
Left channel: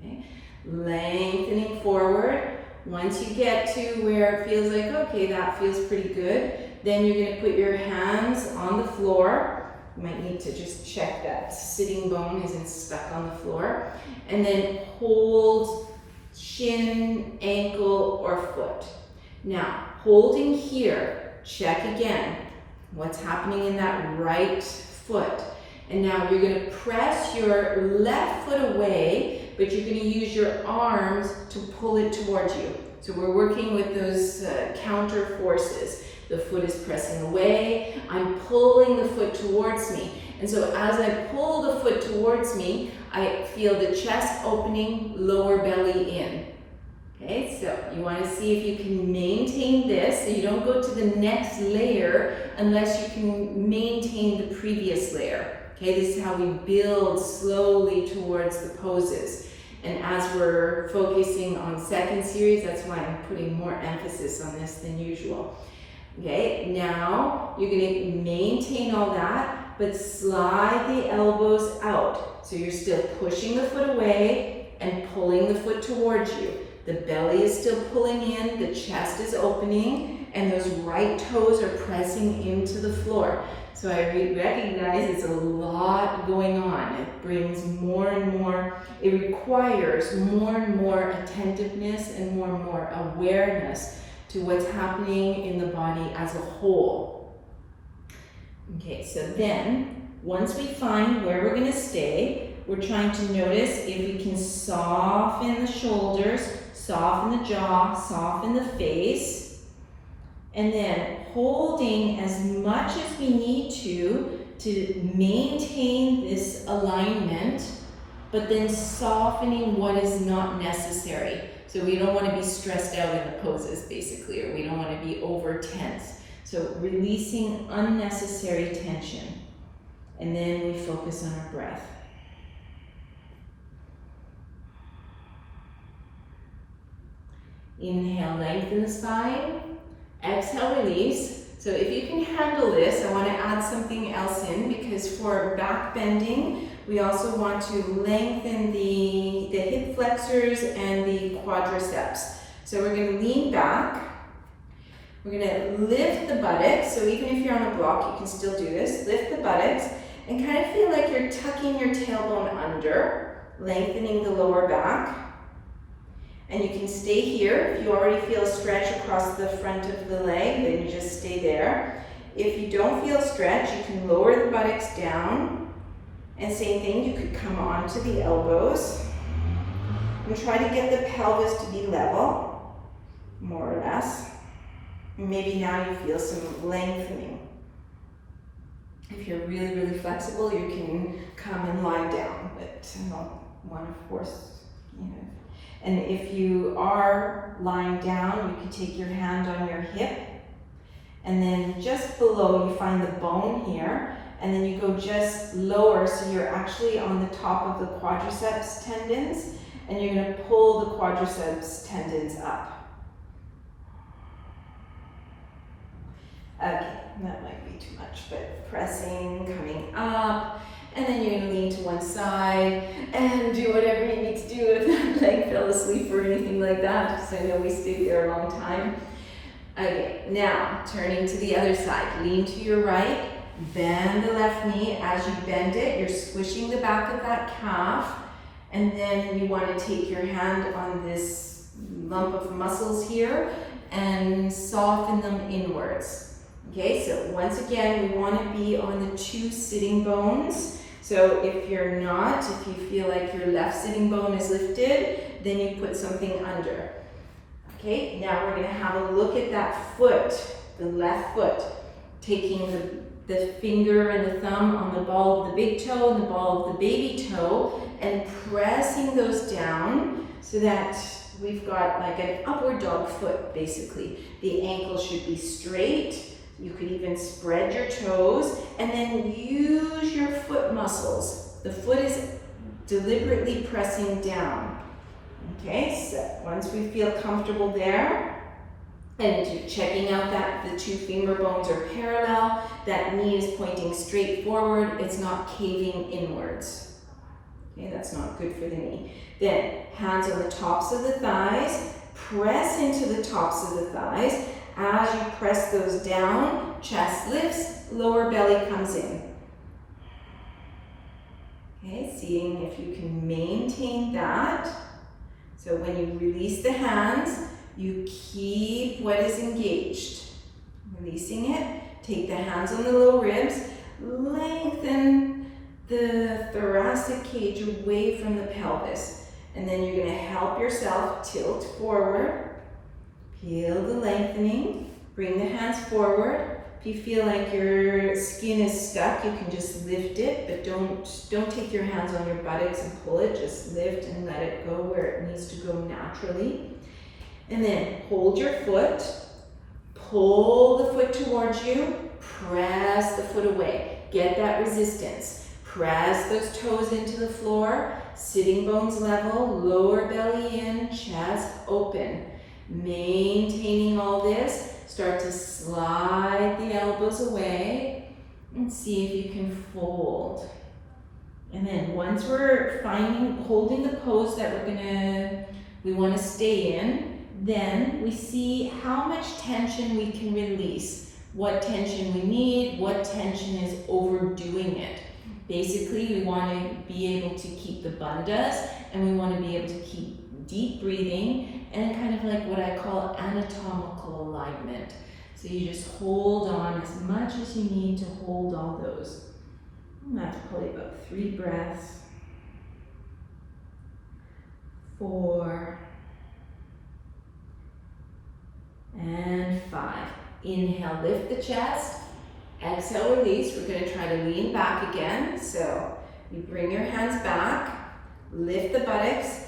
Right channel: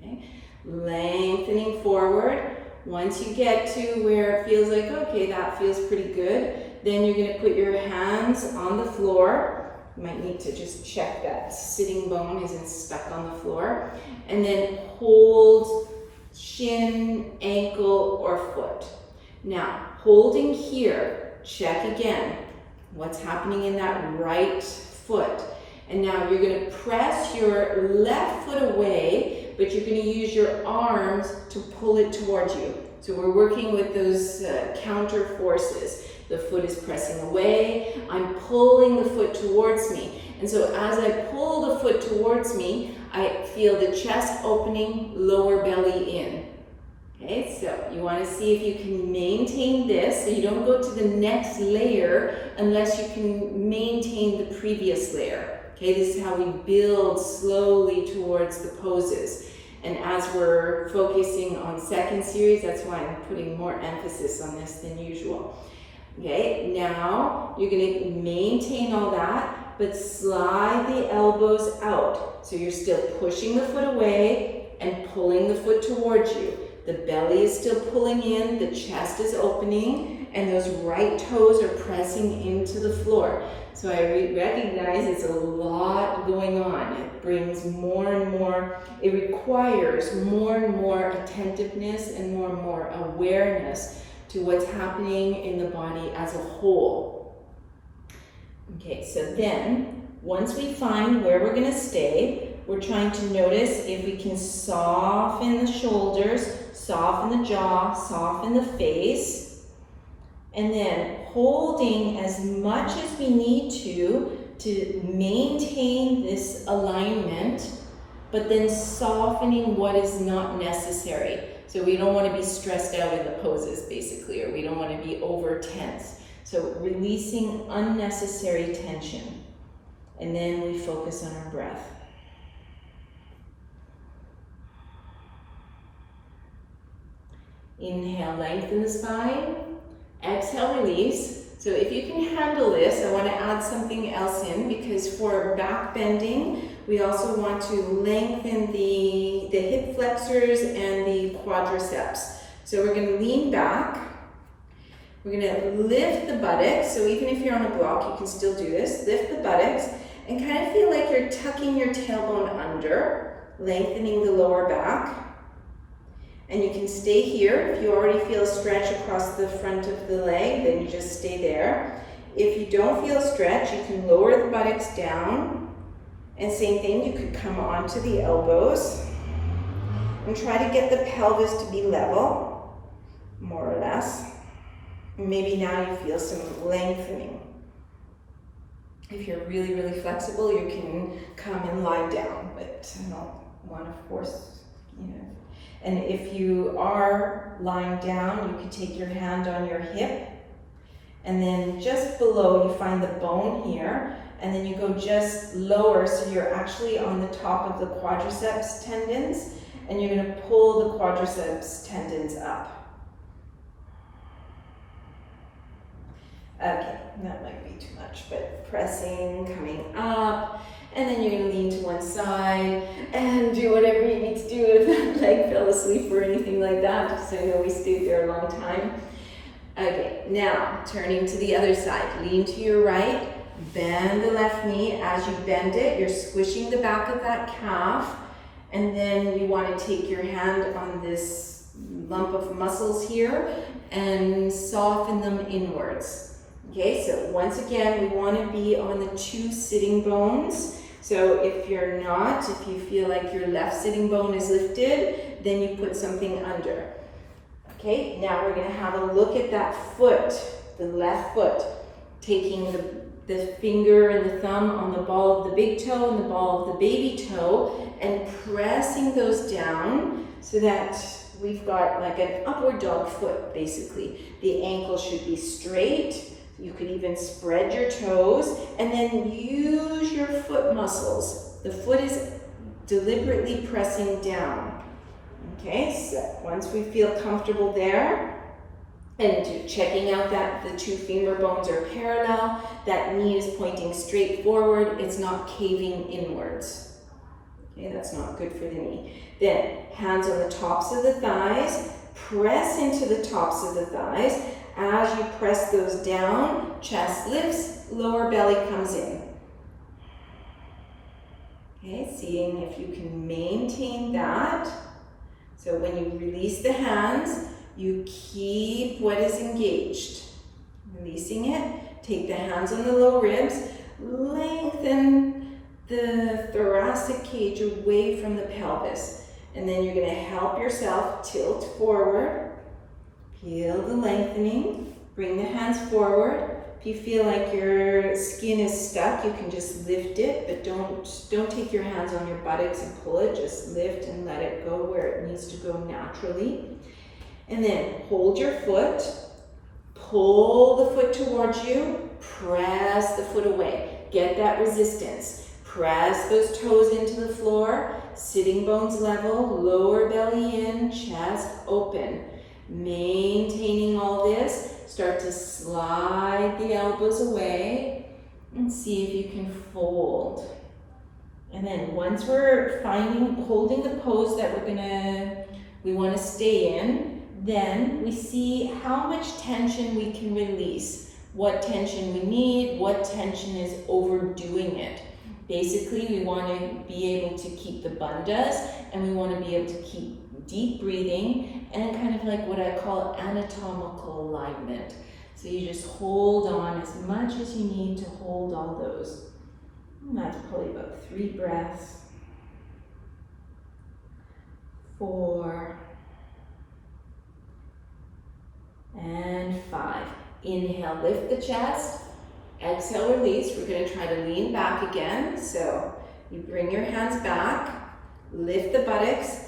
Okay, lengthening forward. Once you get to where it feels like, okay, that feels pretty good, then you're going to put your hands on the floor. You might need to just check that sitting bone isn't stuck on the floor. And then hold shin, ankle, or foot. Now, holding here, check again what's happening in that right foot. And now you're going to press your left foot away, but you're going to use your arms to pull it towards you. So we're working with those counter forces. The foot is pressing away, I'm pulling the foot towards me. And so as I pull the foot towards me, I feel the chest opening, lower belly in. Okay, so you want to see if you can maintain this, so you don't go to the next layer unless you can maintain the previous layer. Okay, this is how we build slowly towards the poses. And as we're focusing on second series, that's why I'm putting more emphasis on this than usual. Okay, now you're going to maintain all that, but slide the elbows out. So you're still pushing the foot away and pulling the foot towards you. The belly is still pulling in, the chest is opening, and those right toes are pressing into the floor. So I recognize it's a lot going on. It brings more and more, it requires more and more attentiveness and more awareness to what's happening in the body as a whole. Okay, so then once we find where we're going to stay, we're trying to notice if we can soften the shoulders, soften the jaw, soften the face, and then holding as much as we need to maintain this alignment, but then softening what is not necessary. So we don't want to be stressed out in the poses, basically, or we don't want to be over tense. So releasing unnecessary tension. And then we focus on our breath. Inhale, lengthen the spine. Exhale, release. So if you can handle this, I want to add something else in, because for back bending, we also want to lengthen the hip flexors and the quadriceps. So we're going to lean back. We're going to lift the buttocks. So even if you're on a block, you can still do this. Lift the buttocks and kind of feel like you're tucking your tailbone under, lengthening the lower back. And you can stay here. If you already feel a stretch across the front of the leg, then you just stay there. If you don't feel a stretch, you can lower the buttocks down. And same thing, you could come onto the elbows and try to get the pelvis to be level, more or less. Maybe now you feel some lengthening. If you're really flexible, you can come and lie down, but I don't want to force, And if you are lying down, you can take your hand on your hip, and then just below you find the bone here, and then you go just lower, so you're actually on the top of the quadriceps tendons, and you're going to pull the quadriceps tendons up. Okay, that might be too much, but pressing, coming up. And then you're going to lean to one side and do whatever you need to do if that leg fell asleep or anything like that, because I know we stayed there a long time. Okay, now turning to the other side. Lean to your right, bend the left knee. As you bend it, you're squishing the back of that calf, and then you want to take your hand on this lump of muscles here and soften them inwards. Okay, so once again, we want to be on the 2 sitting bones. So if you're not, if you feel like your left sitting bone is lifted, then you put something under. Okay, now we're going to have a look at that foot, the left foot, taking the finger and the thumb on the ball of the big toe and the ball of the baby toe and pressing those down so that we've got like an upward dog foot basically. The ankle should be straight. You could even spread your toes and then use your foot muscles. The foot is deliberately pressing down. Okay, so once we feel comfortable there, and you're checking out that the 2 femur bones are parallel, that knee is pointing straight forward, it's not caving inwards. Okay, that's not good for the knee. Then, hands on the tops of the thighs, press into the tops of the thighs. As you press those down, chest lifts, lower belly comes in. Okay, seeing if you can maintain that. So when you release the hands, you keep what is engaged. Releasing it, take the hands on the low ribs, lengthen the thoracic cage away from the pelvis. And then you're going to help yourself tilt forward. Feel the lengthening. Bring the hands forward. If you feel like your skin is stuck, you can just lift it, but don't take your hands on your buttocks and pull it. Just lift and let it go where it needs to go naturally. And then hold your foot, pull the foot towards you, press the foot away. Get that resistance. Press those toes into the floor, sitting bones level, lower belly in, chest open. Maintaining all this, start to slide the elbows away and see if you can fold. And then once we're holding the pose that we want to stay in, then we see how much tension we can release, what tension we need, what tension is overdoing it. Basically, we want to be able to keep the bandhas and we want to be able to keep deep breathing and kind of like what I call anatomical alignment. So you just hold on as much as you need to hold all those. And that's probably about 3 breaths. 4 and 5. Inhale, lift the chest. Exhale, release. We're going to try to lean back again. So you bring your hands back, lift the buttocks,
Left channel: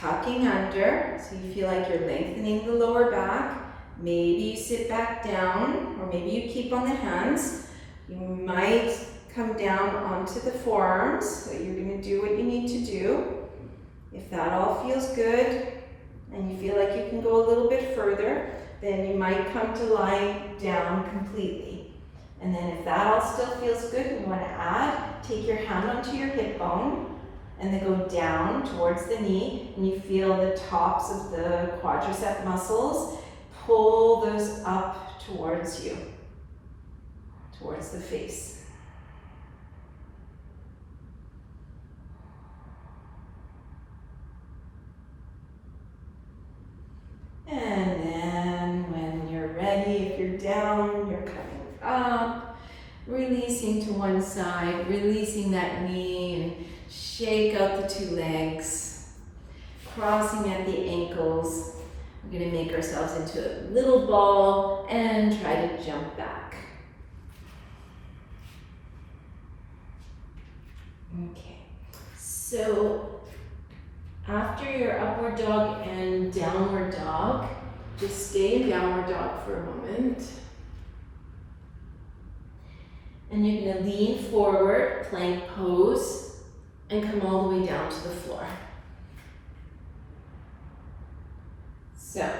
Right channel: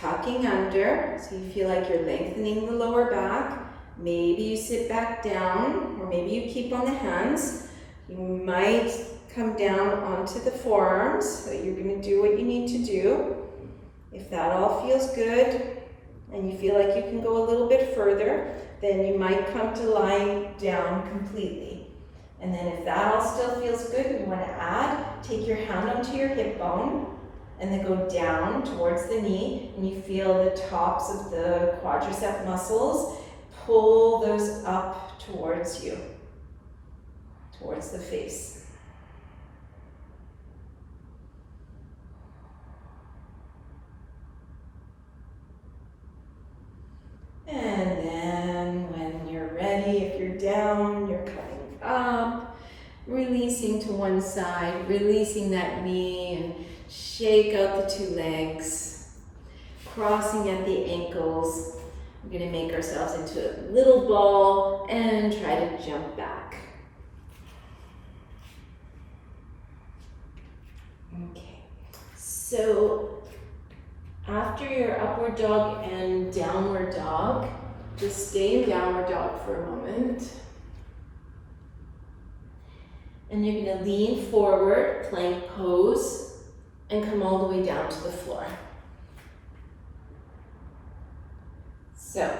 tucking under, so you feel like you're lengthening the lower back. Maybe you sit back down, or maybe you keep on the hands. You might come down onto the forearms, so you're going to do what you need to do. If that all feels good, and you feel like you can go a little bit further, then you might come to lie down completely. And then if that all still feels good, and you want to add, take your hand onto your hip bone, and then go down towards the knee, and you feel the tops of the quadricep muscles. Pull those up towards you, towards the face. And then when you're ready, if you're down, you're coming up, releasing to one side, releasing that knee, and shake out the 2 legs, crossing at the ankles. We're going to make ourselves into a little ball and try to jump back. Okay, so after your upward dog and downward dog, just stay in downward dog for a moment. And you're going to lean forward, plank pose, and come all the way down to the floor. So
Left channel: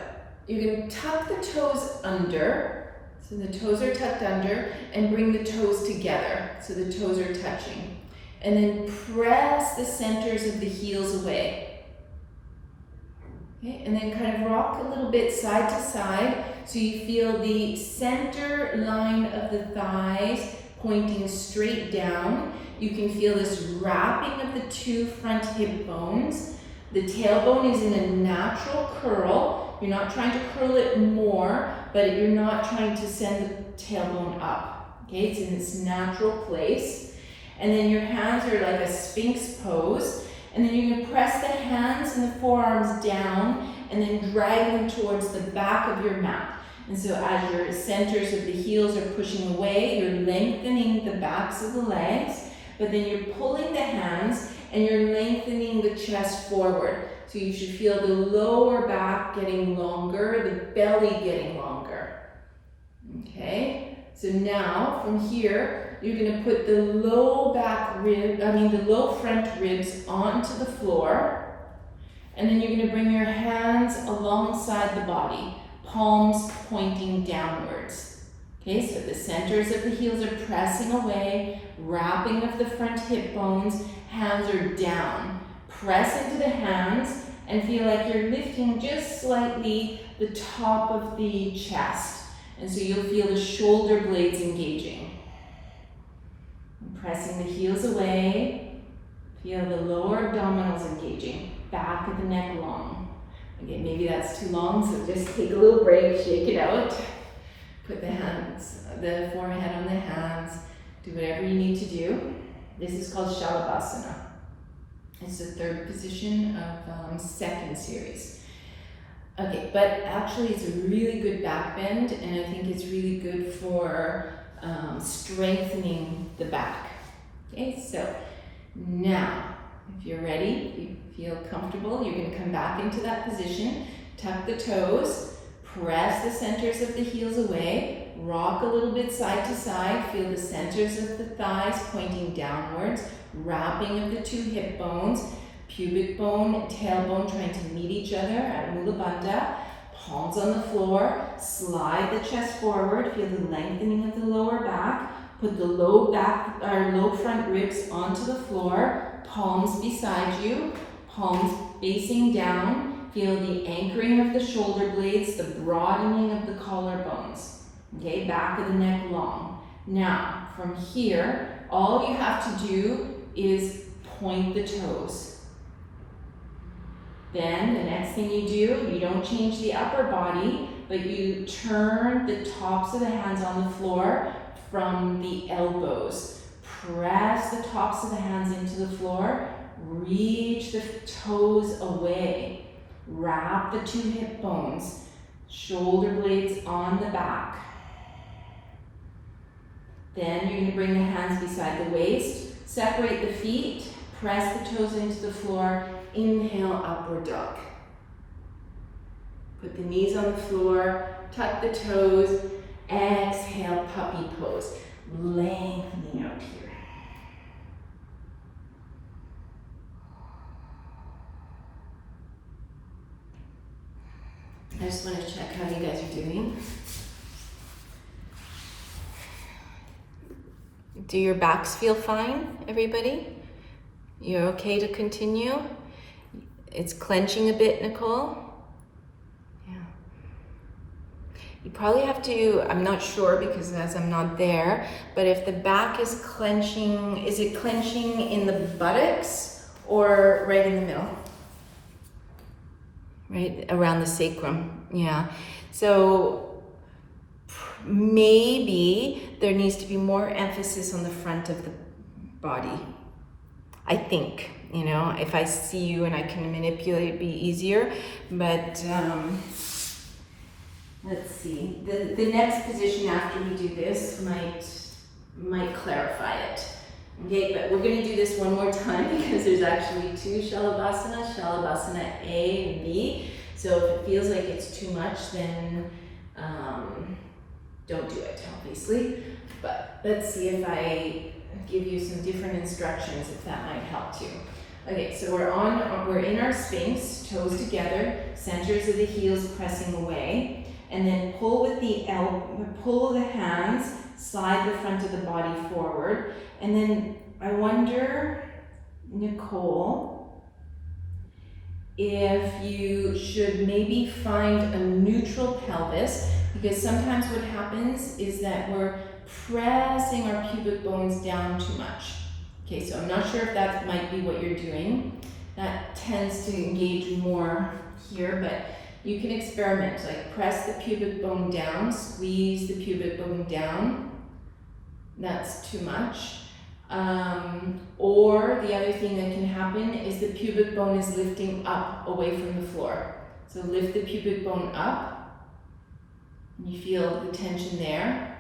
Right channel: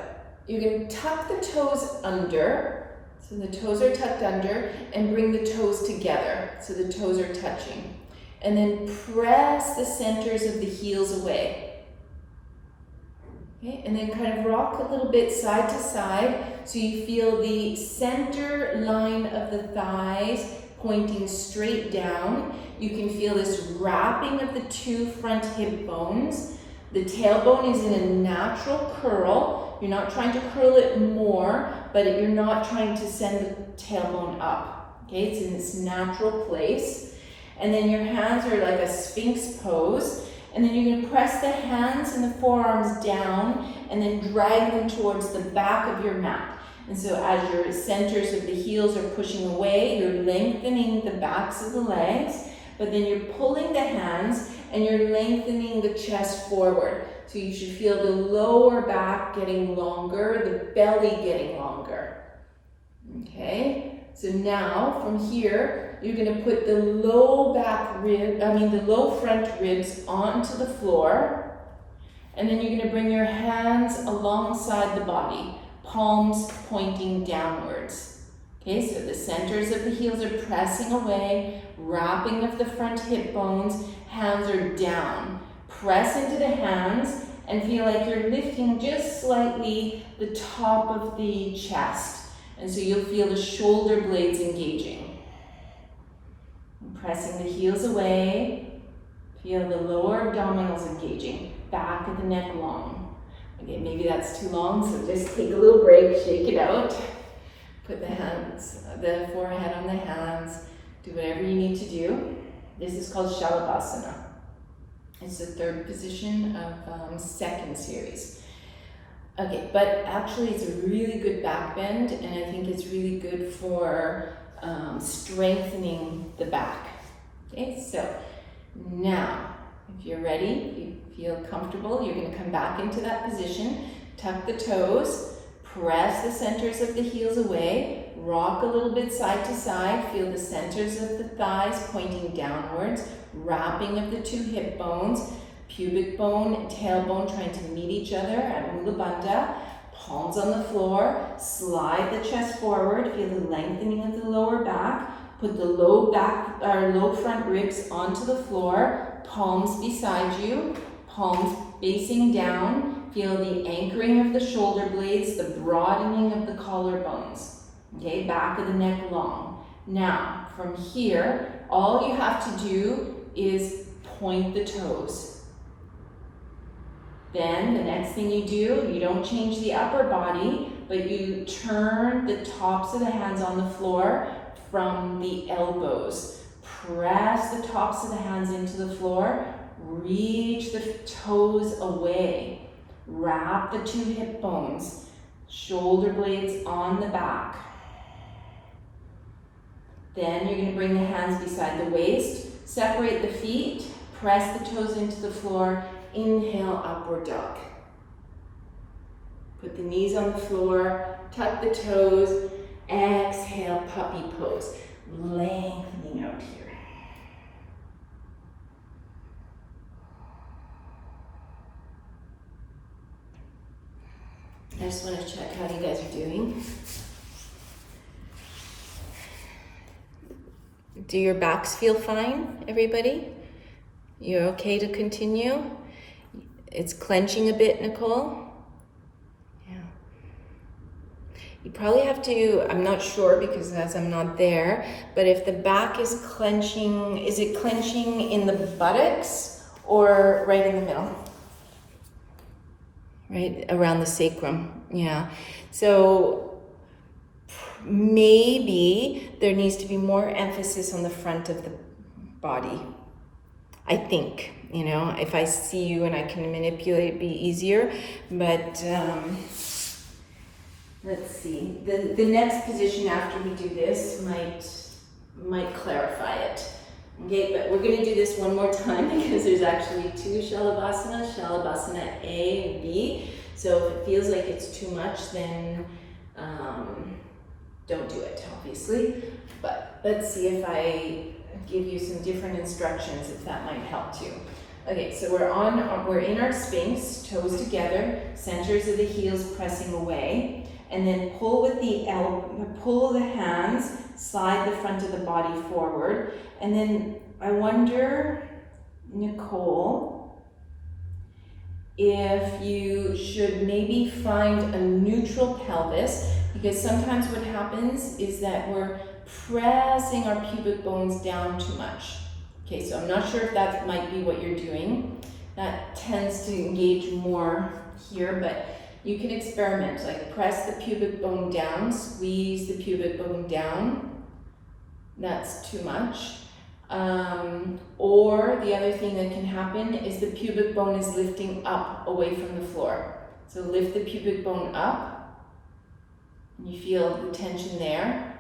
you can tuck the toes under, so the toes are tucked under, and bring the toes together, so the toes are touching. And then press the centers of the heels away. Okay, and then kind of rock a little bit side to side, so you feel the center line of the thighs pointing straight down. You can feel this wrapping of the 2 front hip bones. The tailbone is in a natural curl. You're not trying to curl it more, but you're not trying to send the tailbone up. Okay, it's in this natural place. And then your hands are like a sphinx pose. And then you're gonna press the hands and the forearms down and then drag them towards the back of your mat. And so as your centers of the heels are pushing away, you're lengthening the backs of the legs, but then you're pulling the hands and you're lengthening the chest forward. So you should feel the lower back getting longer, the belly getting longer. Okay, so now from here, you're gonna put the low front ribs onto the floor, and then you're gonna bring your hands alongside the body, palms pointing downwards. Okay, so the centers of the heels are pressing away, wrapping of the front hip bones, hands are down. Press into the hands and feel like you're lifting just slightly the top of the chest. And so you'll feel the shoulder blades engaging. And pressing the heels away, feel the lower abdominals engaging, back of the neck long. Okay, maybe that's too long, so just take a little break, shake it out. Put the hands, the forehead on the hands, do whatever you need to do. This is called Shalabhasana. It's the third position of second series. Okay, but actually it's a really good back bend, and I think it's really good for strengthening the back. Okay, so now, if you're ready, if you feel comfortable, you're gonna come back into that position, tuck the toes, press the centers of the heels away, rock a little bit side to side, feel the centers of the thighs pointing downwards, wrapping of the two hip bones, pubic bone and tailbone trying to meet each other at Mula Bandha, palms on the floor, slide the chest forward, feel the lengthening of the lower back, put the low front ribs onto the floor, palms beside you, palms facing down. Feel the anchoring of the shoulder blades, the broadening of the collarbones. Okay, back of the neck long. Now, from here, all you have to do is point the toes. Then, the next thing you do, you don't change the upper body, but you turn the tops of the hands on the floor from the elbows. Press the tops of the hands into the floor, reach the toes away. Wrap the two hip bones, shoulder blades on the back. Then you're going to bring the hands beside the waist, separate the feet, press the toes into the floor, inhale, upward dog. Put the knees on the floor, tuck the toes, exhale, puppy pose, lengthening out here. I just want to check how you guys are doing. Do your backs feel fine, everybody? You're okay to continue? It's clenching a bit, Nicole? Yeah. You probably have to, I'm not sure because as I'm not there, but if the back is clenching, is it clenching in the buttocks or right in the middle? Right around the sacrum, yeah. So maybe there needs to be more emphasis on the front of the body. I think, you know, if I see you and I can manipulate, it'd be easier. But let's see. The next position after we do this might clarify it. Okay, but we're going to do this one more time because there's actually two Shalabhasana, Shalabhasana A and B. So if it feels like it's too much, then don't do it, obviously. But let's see if I give you some different instructions, if that might help too. Okay, so we're in our Sphinx, toes together, centers of the heels pressing away, and then pull with pull the hands, slide the front of the body forward. And then I wonder, Nicole, if you should maybe find a neutral pelvis, because sometimes what happens is that we're pressing our pubic bones down too much. Okay, so I'm not sure if that might be what you're doing. That tends to engage more here, but you can experiment, like press the pubic bone down, squeeze the pubic bone down. That's too much. Or the other thing that can happen is the pubic bone is lifting up away from the floor. So lift the pubic bone up. You feel the tension there.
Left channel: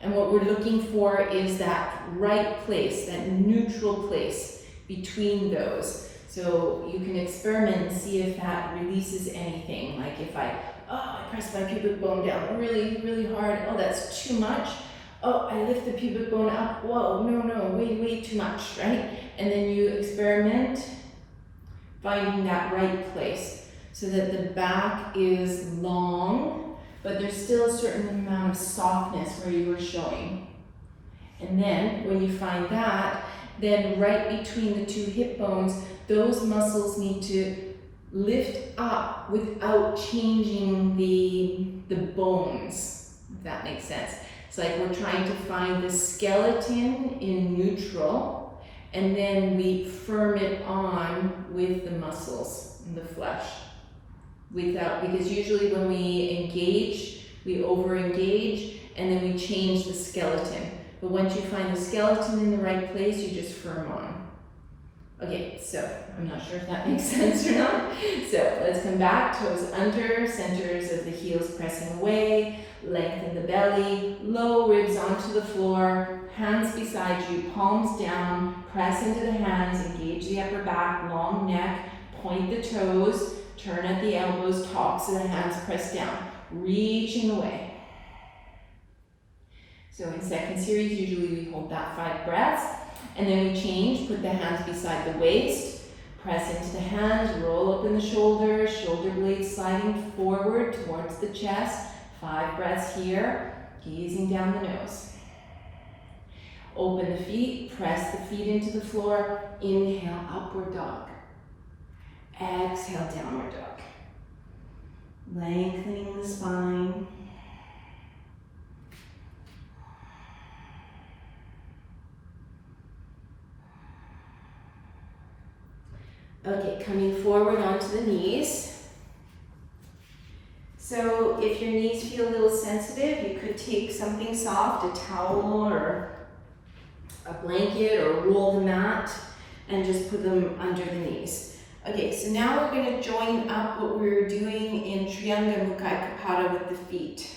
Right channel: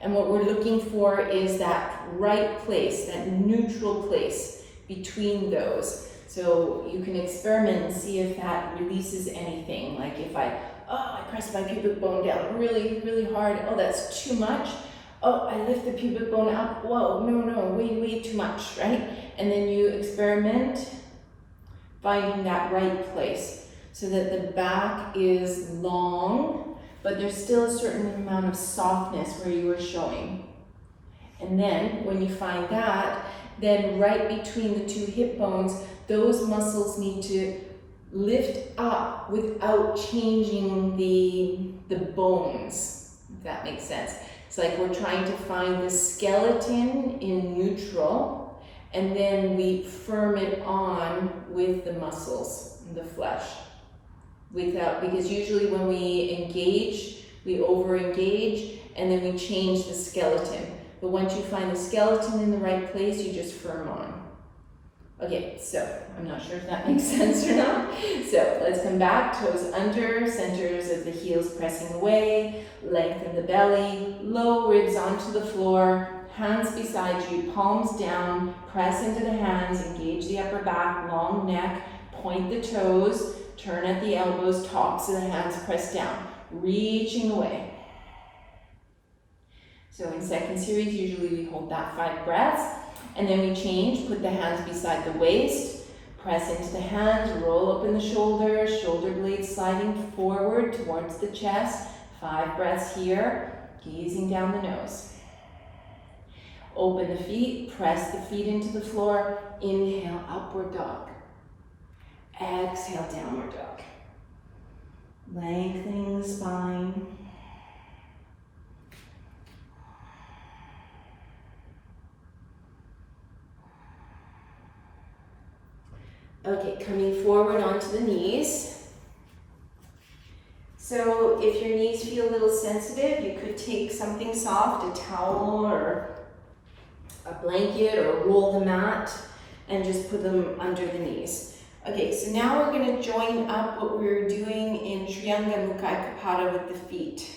And what we're looking for is that right place, that neutral place between those. So you can experiment and see if that releases anything. Like if I press my pubic bone down really, really hard. Oh, that's too much. Oh, I lift the pubic bone up. Whoa, no, way too much, right? And then you experiment finding that right place so that the back is long, but there's still a certain amount of softness where you were showing. And then when you find that, then right between the two hip bones, those muscles need to lift up without changing the bones, if that makes sense. It's like we're trying to find the skeleton in neutral, and then we firm it on with the muscles and the flesh. Because usually when we engage, we over-engage, and then we change the skeleton. But once you find the skeleton in the right place, you just firm on. Okay, so I'm not sure if that makes sense or not. So let's come back, toes under, centers of the heels pressing away, lengthen the belly, low ribs onto the floor, hands beside you, palms down, press into the hands, engage the upper back, long neck, point the toes, turn at the elbows, tops of the hands press down, reaching away. So in second series, usually we hold that 5 breaths, and then we change, put the hands beside the waist, press into the hands, roll up in the shoulders, shoulder blades sliding forward towards the chest, 5 breaths here, gazing down the nose. Open the feet, press the feet into the floor, inhale, upward dog. Exhale, downward dog. Lengthening the spine. Okay, coming forward onto the knees. So if your knees feel a little sensitive, you could take something soft, a towel or a blanket, or roll the mat and just put them under the knees. Okay, so now we're going to join up what we were doing in Trianga Mukhaikapada with the feet.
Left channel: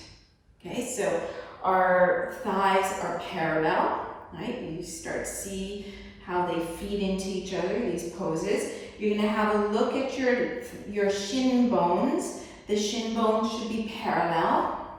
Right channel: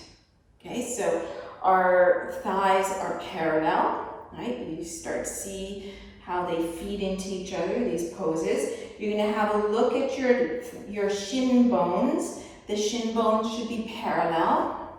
Okay, so our thighs are parallel, right? You start to see how they feed into each other, these poses. You're going to have a look at your shin bones. The shin bones should be parallel.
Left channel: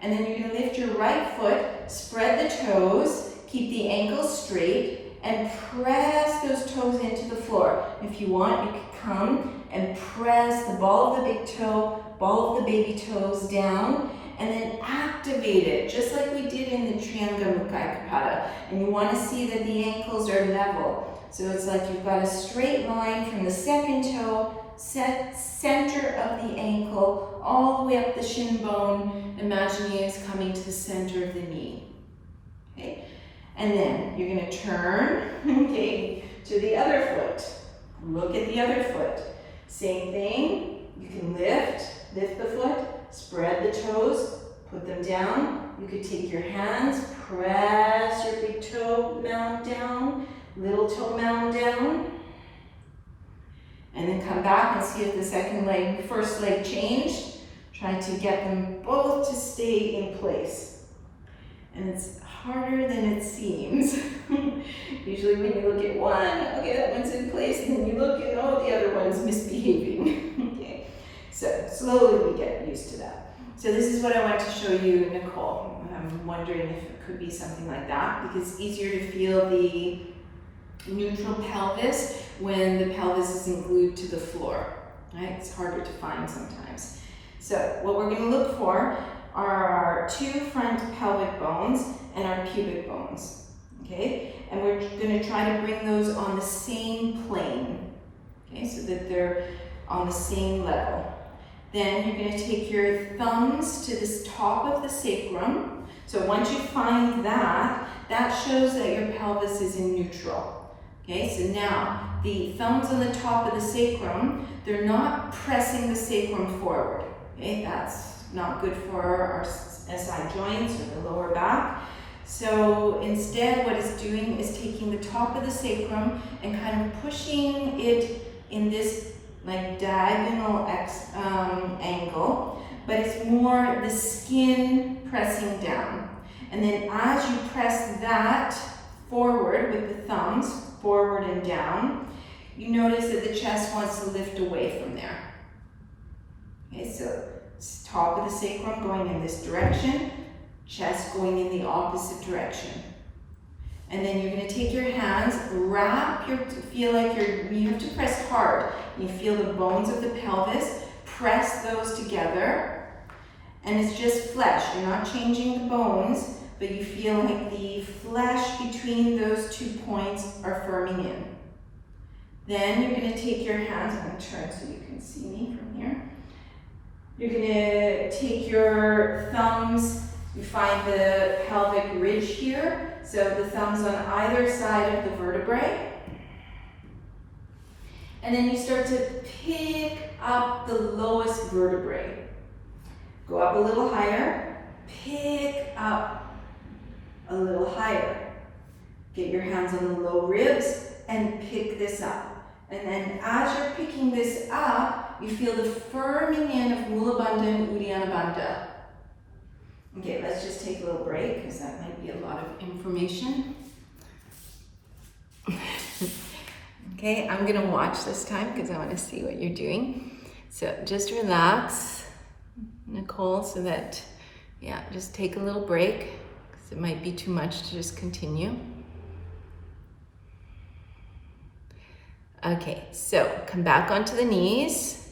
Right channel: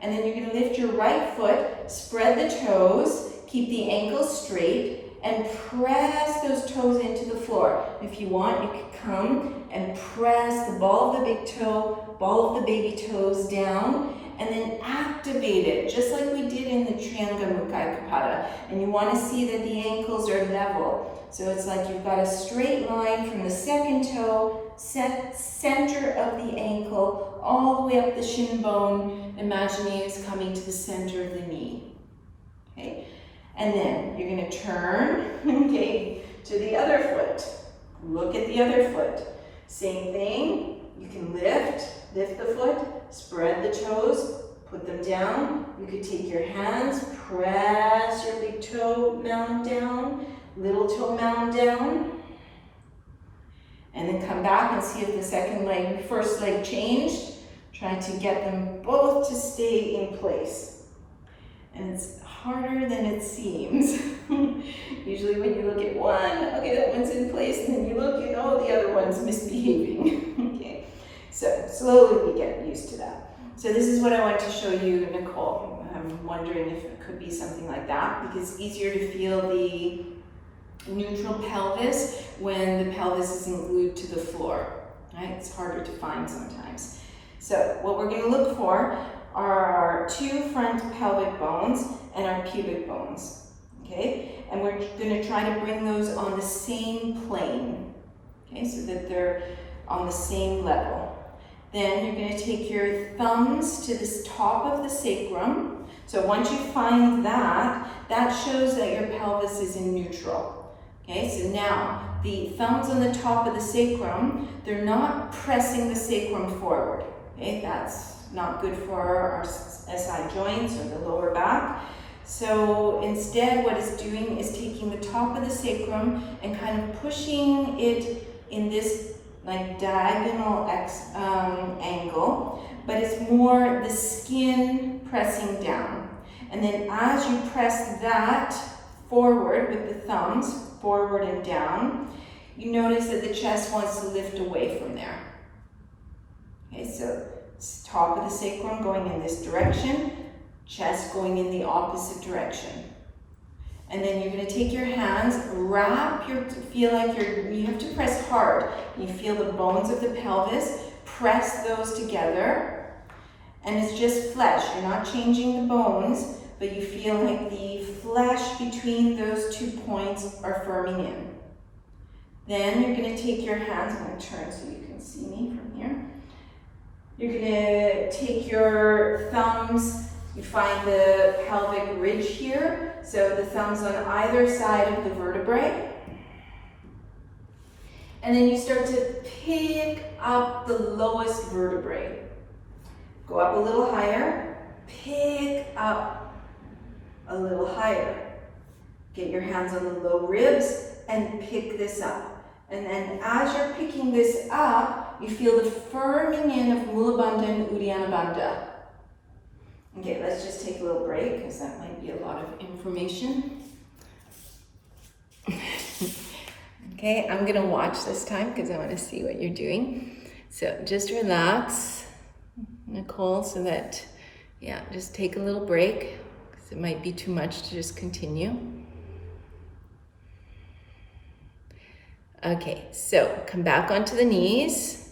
And then you're going to lift your right foot, spread the toes, keep the ankles straight, and press those toes into the floor. If you want, you could come and press the ball of the big toe, ball of the baby toes down, and then activate it, just like we did in the Trianga Mukhaikapada. And you want to see that the ankles are level. So it's like you've got a straight line from the second toe, center of the ankle, all the way up the shin bone, imagining it's coming to the center of the knee. Okay? And then you're going to turn, okay, to the other foot. Look at the other foot. Same thing. You can lift the foot, spread the toes, put them down. You could take your hands, press your big toe mound down, little toe mound down, and then come back and see if the first leg changed. Try to get them both to stay in place. And it's harder than it seems. Usually when you look at one, okay, that one's in place, and then you look and oh, the other one's misbehaving. Okay, so slowly we get used to that. So this is what I want to show you, Nicole. I'm wondering if it could be something like that, because it's easier to feel the neutral pelvis when the pelvis isn't glued to the floor, right? It's harder to find sometimes. So what we're going to look for are our 2 front pelvic bones and our pubic bones, okay? And we're going to try to bring those on the same plane, okay, so that they're on the same level. Then you're going to take your thumbs to this top of the sacrum. So once you find that, that shows that your pelvis is in neutral. Okay, so now the thumbs on the top of the sacrum, they're not pressing the sacrum forward. Okay, that's not good for our SI joints or the lower back. So instead what it's doing is taking the top of the sacrum and kind of pushing it in this like diagonal angle, but it's more the skin pressing down. And then as you press that forward with the thumbs, forward and down, you notice that the chest wants to lift away from there. Okay, so top of the sacrum going in this direction, chest going in the opposite direction. And then you're going to take your hands, feel like you have to press hard. You feel the bones of the pelvis, press those together. And it's just flesh. You're not changing the bones, but you feel like the flesh between those 2 points are firming in. Then you're going to take your hands, I'm going to turn so you can see me from here. You're going to take your thumbs, you find the pelvic ridge here, so the thumbs on either side of the vertebrae. And then you start to pick up the lowest vertebrae. Go up a little higher, pick up a little higher. Get your hands on the low ribs and pick this up. And then as you're picking this up, you feel the firming in of Mula Bandha and Uddiyana Bandha. Okay, let's just take a little break because that might be a lot of information. Okay, I'm gonna watch this time because I want to see what you're doing. So just relax, Nicole, so that, yeah, just take a little break because it might be too much to just continue. Okay, so come back onto the knees.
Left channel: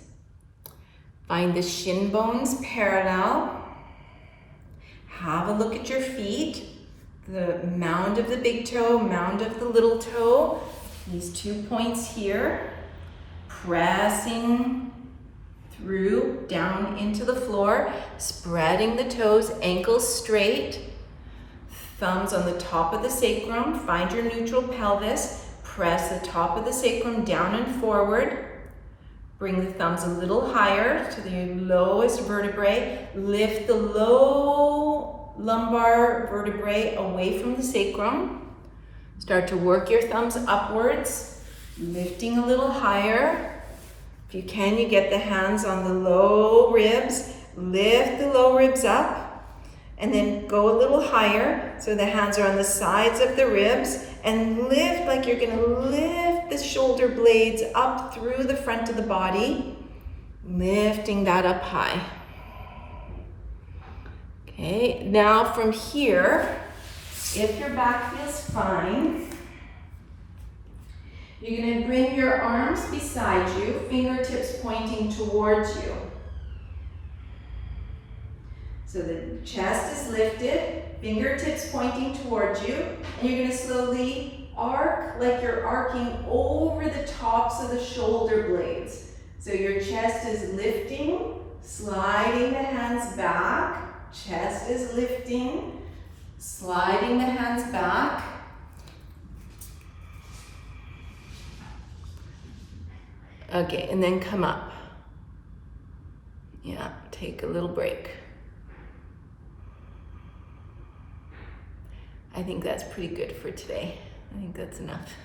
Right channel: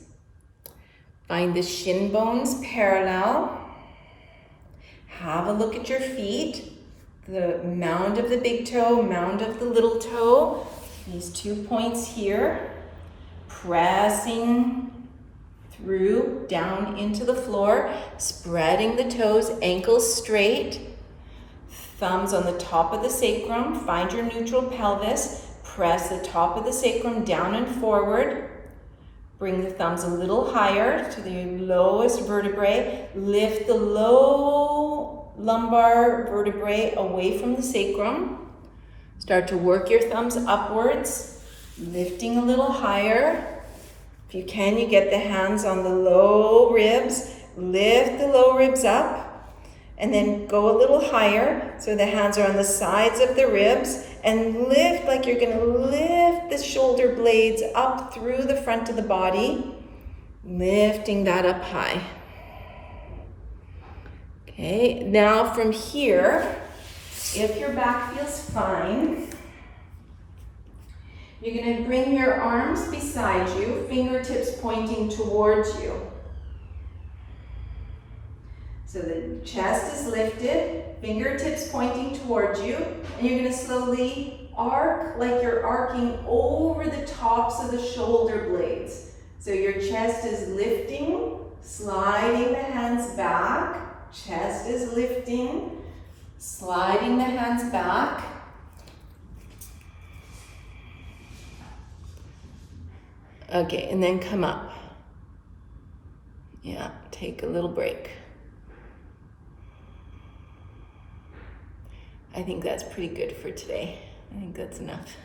Find the shin bones parallel. Have a look at your feet. The mound of the big toe, mound of the little toe. These 2 points here. Pressing through, down into the floor. Spreading the toes, ankles straight. Thumbs on the top of the sacrum. Find your neutral pelvis. Press the top of the sacrum down and forward. Bring the thumbs a little higher to the lowest vertebrae. Lift the low lumbar vertebrae away from the sacrum. Start to work your thumbs upwards, lifting a little higher. If you can, you get the hands on the low ribs. Lift the low ribs up. And then go a little higher, so the hands are on the sides of the ribs, and lift like you're gonna lift the shoulder blades up through the front of the body, lifting that up high. Okay, now from here, if your back feels fine, you're gonna bring your arms beside you, fingertips pointing towards you. So the chest is lifted, fingertips pointing towards you, and you're gonna slowly arc like you're arcing over the tops of the shoulder blades. So your chest is lifting, sliding the hands back, chest is lifting, sliding the hands back. Okay, and then come up. Yeah, take a little break. I think that's pretty good for today. I think that's enough.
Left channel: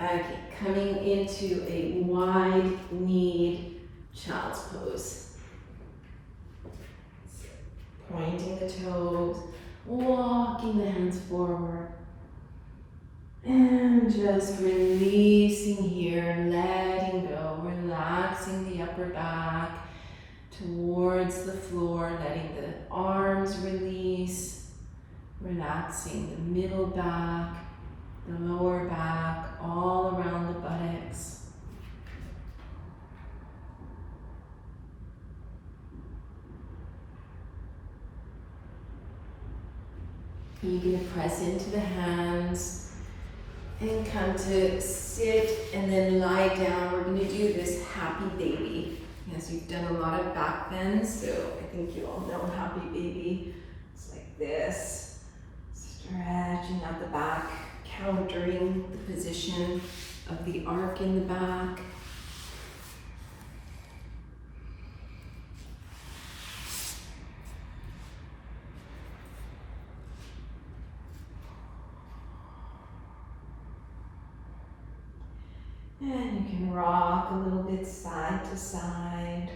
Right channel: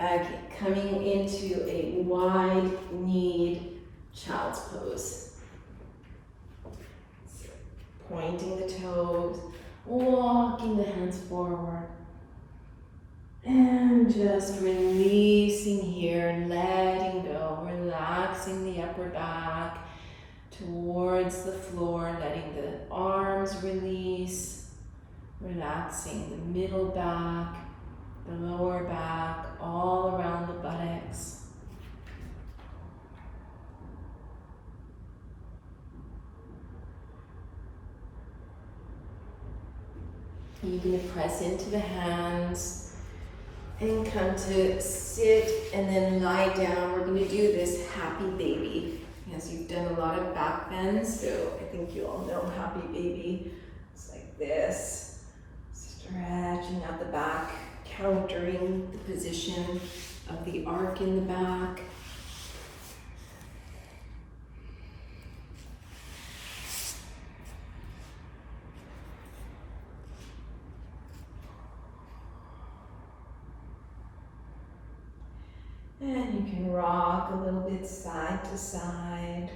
Okay, coming into a wide-kneed child's pose. Pointing the toes, walking the hands forward, and just releasing here, letting go, relaxing the upper back towards the floor, letting the arms release. Relaxing the middle back, the lower back, all around the buttocks. You're going to press into the hands and come to sit and then lie down. We're going to do this happy baby. Yes, you've done a lot of back bends, so I think you all know happy baby. It's like this. Stretching out the back, countering the position. of the arc in the back. And you can rock a little bit side to side.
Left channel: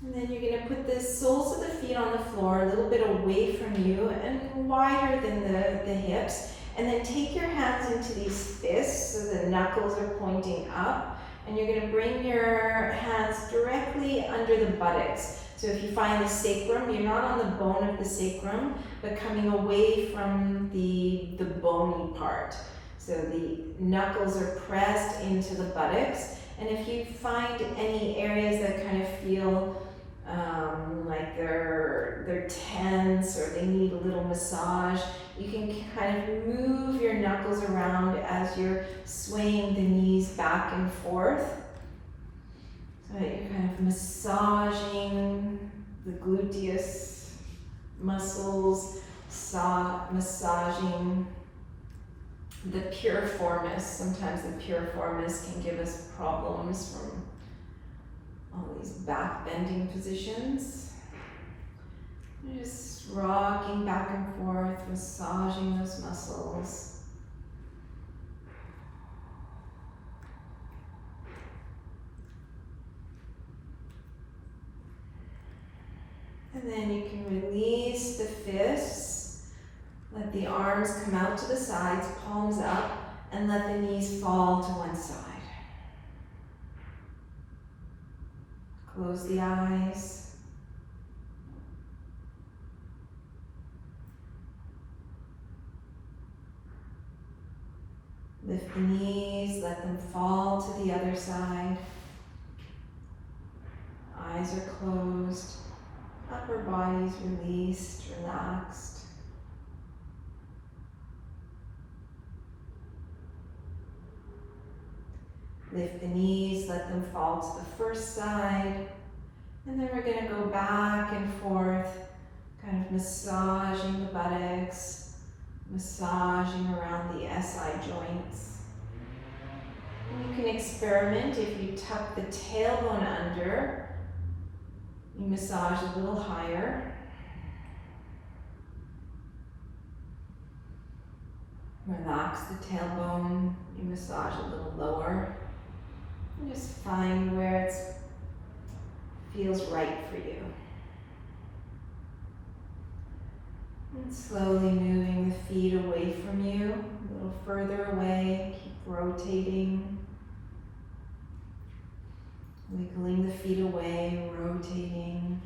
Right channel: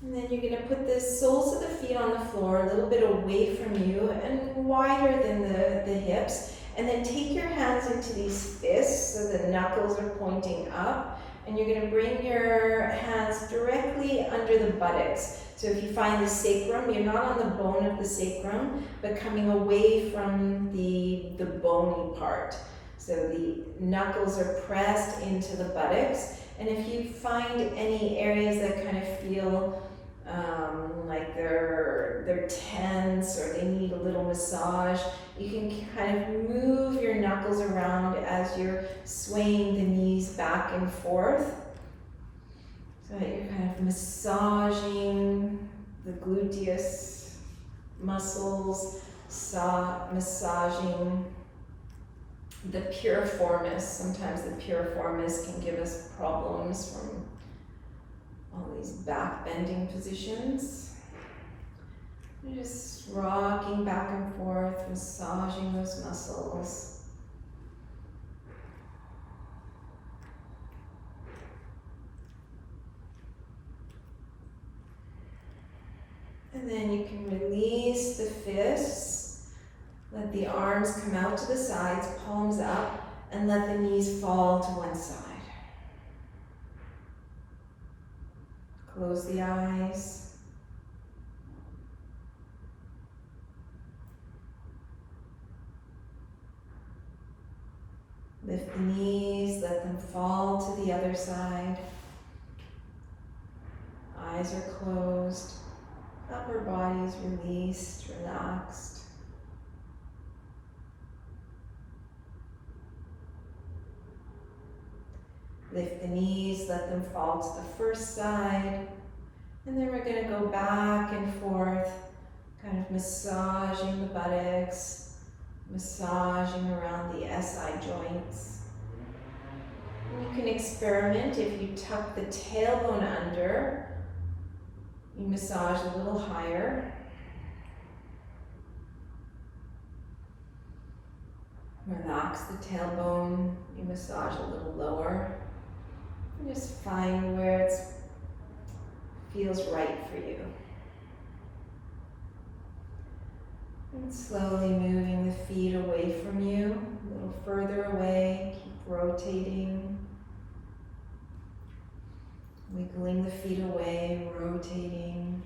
And then you're going to put the soles of the feet on the floor a little bit away from you and wider than the hips. And then take your hands into these fists so the knuckles are pointing up. And you're going to bring your hands directly under the buttocks. So if you find the sacrum, you're not on the bone of the sacrum, but coming away from the bony part. So the knuckles are pressed into the buttocks. And if you find any areas that kind of feel like they're tense or they need a little massage, you can kind of move your knuckles around as you're swaying the knees back and forth. So that you're kind of massaging the gluteus muscles, massaging the piriformis. Sometimes the piriformis can give us problems from all these back bending positions. You're just rocking back and forth, massaging those muscles. And then you can release the fists, let the arms come out to the sides, palms up, and let the knees fall to one side. Close the eyes. Lift the knees, let them fall to the other side. Eyes are closed. Upper body's released, relaxed. Lift the knees, let them fall to the first side. And then we're going to go back and forth, kind of massaging the buttocks, massaging around the SI joints. And you can experiment if you tuck the tailbone under. You massage a little higher. Relax the tailbone. You massage a little lower. And just find where it feels right for you. And slowly moving the feet away from you, a little further away. Keep rotating. Wiggling the feet away, rotating.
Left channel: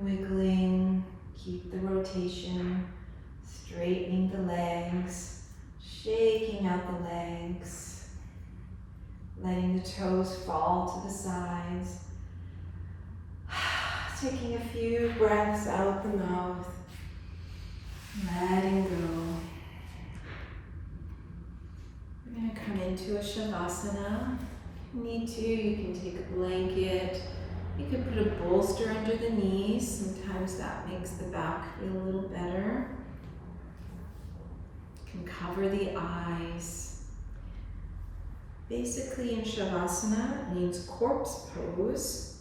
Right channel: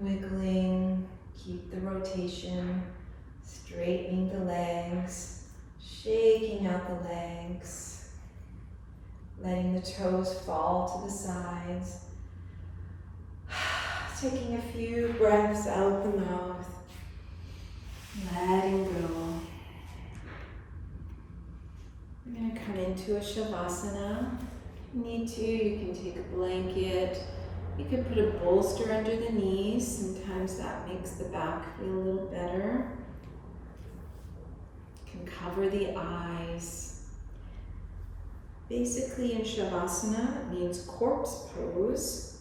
Wiggling, keep the rotation. Straightening the legs, shaking out the legs. Letting the toes fall to the sides. Taking a few breaths out the mouth. Letting go. We're going to come into a Shavasana. If you need to, you can take a blanket. You could put a bolster under the knees. Sometimes that makes the back feel a little better. You can cover the eyes. Basically in Shavasana, it means corpse pose.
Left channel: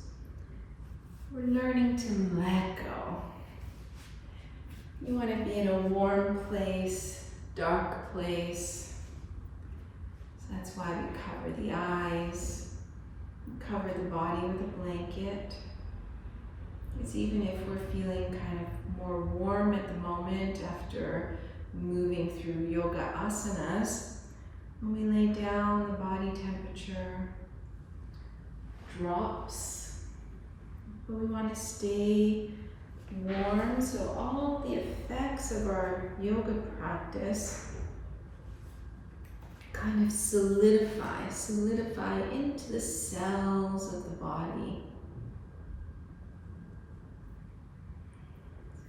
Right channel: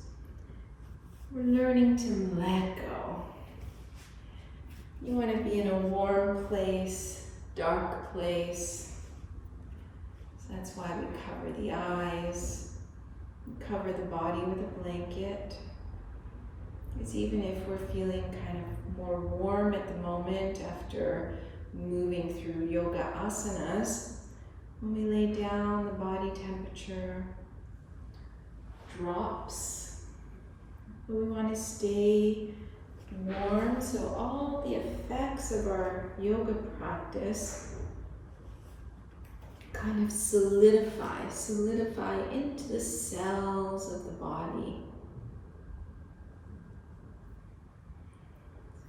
We're learning to let go. You want to be in a warm place, dark place. That's why we cover the eyes, cover the body with a blanket. It's even if we're feeling kind of more warm at the moment after moving through yoga asanas, when we lay down, the body temperature drops. But we want to stay warm, so all the effects of our yoga practice kind of solidify into the cells of the body.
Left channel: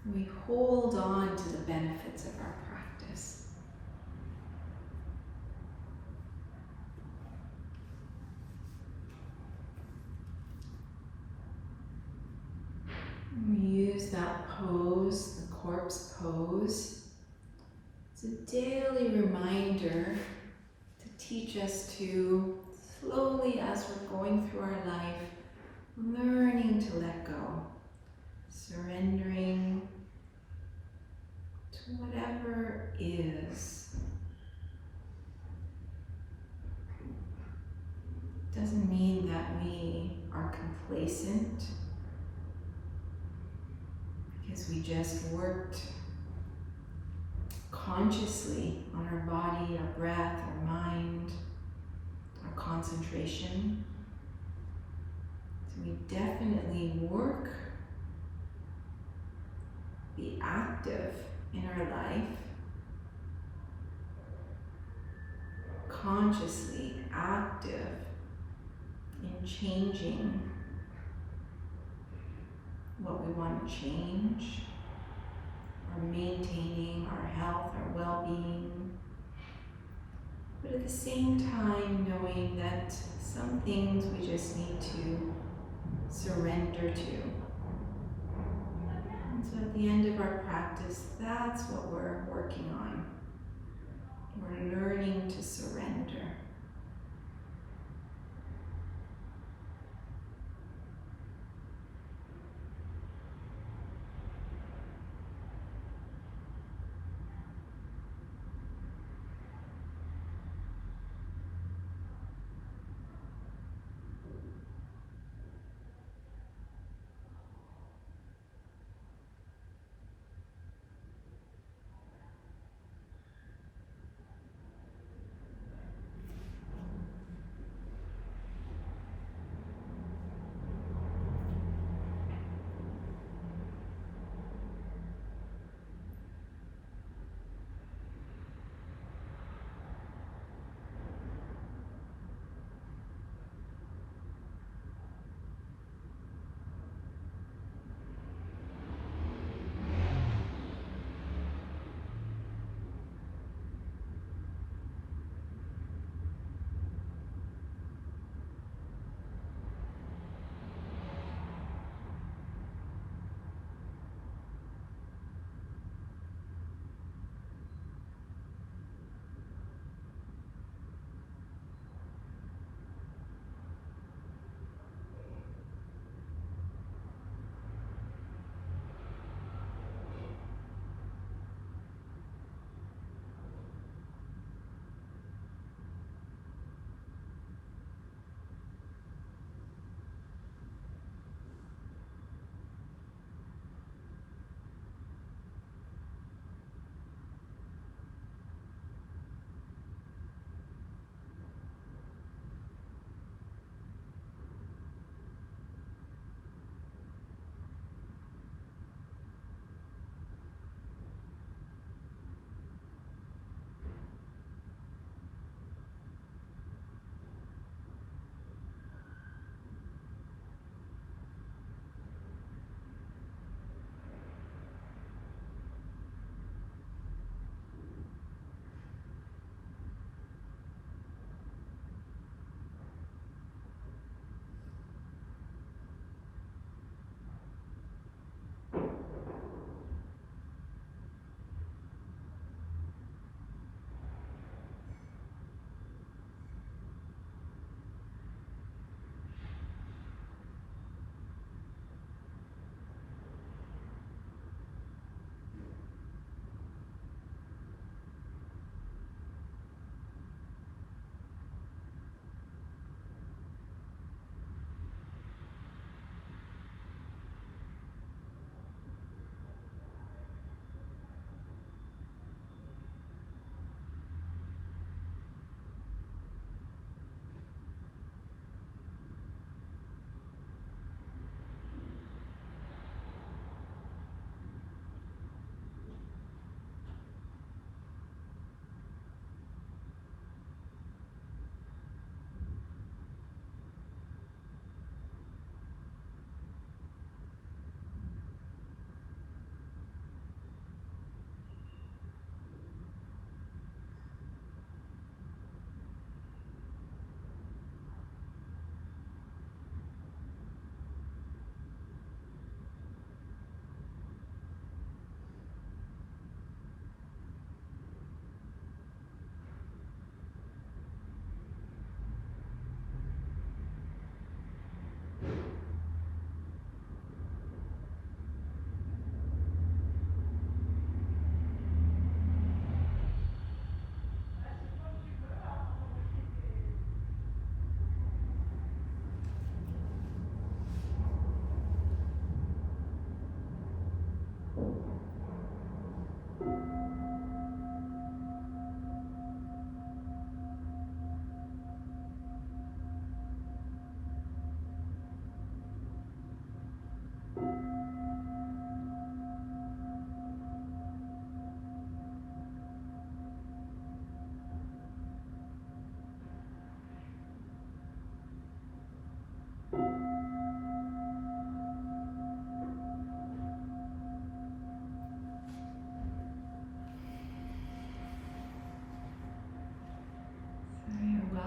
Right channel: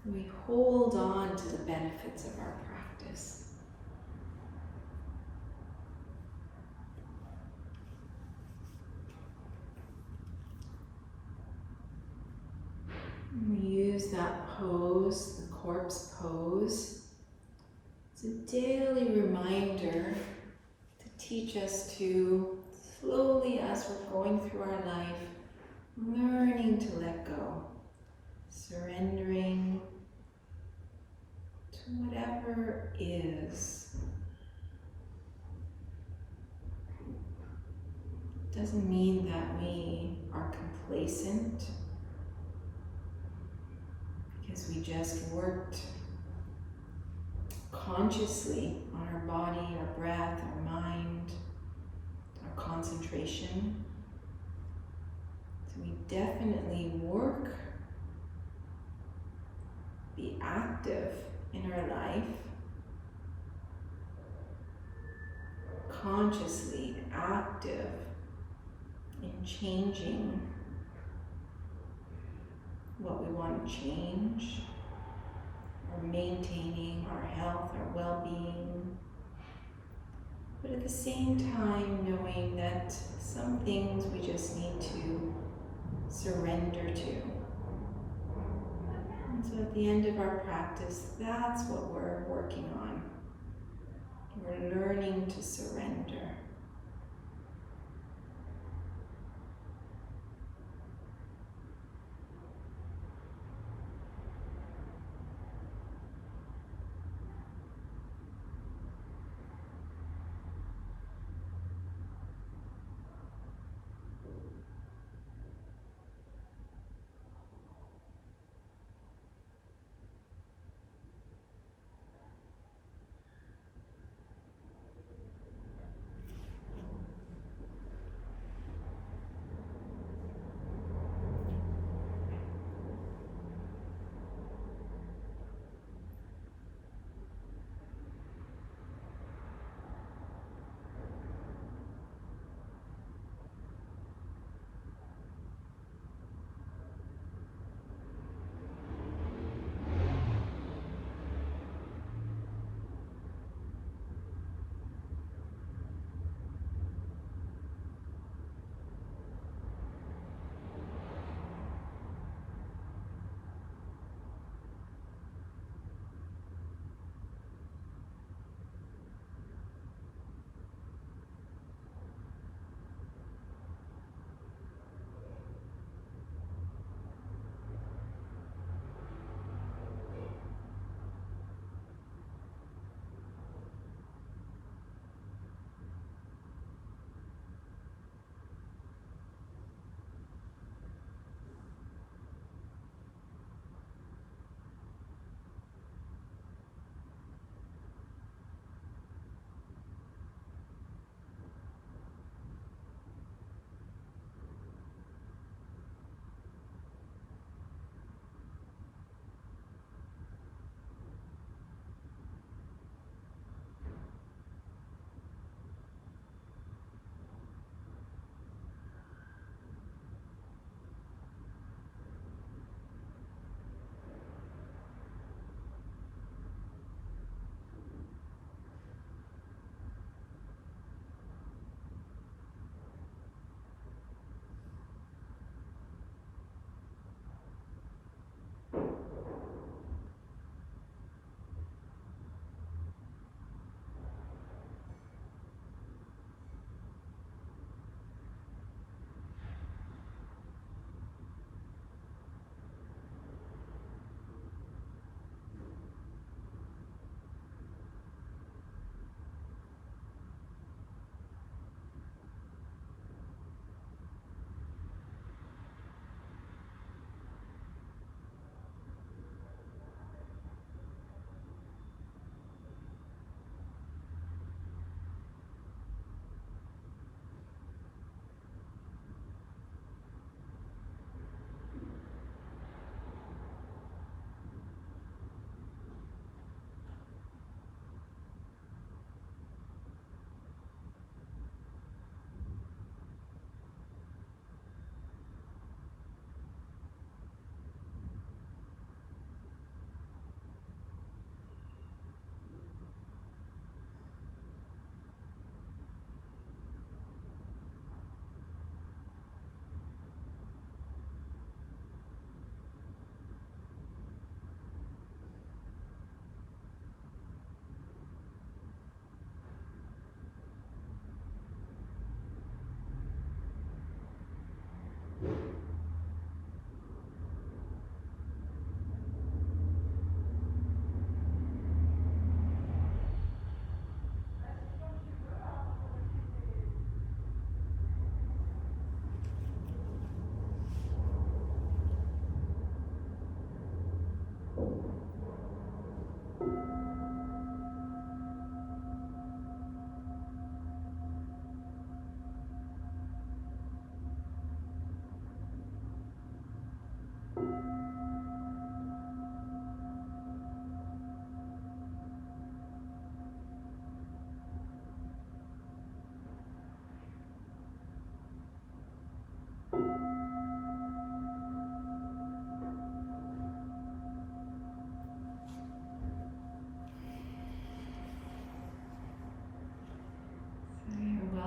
So we hold on to the benefits of our practice. We use that pose, the corpse pose, as a daily reminder to teach us to slowly, as we're going through our life, learning to let go, surrendering to whatever is. Doesn't mean that we are complacent because we just worked consciously on our body, our breath, our mind, our concentration. So we definitely work, be active in our life, consciously active in changing what we want to change, or maintaining our health, our well-being, but at the same time knowing that some things we just need to surrender to. And so at the end of our practice, that's what we're working on. We're learning to surrender.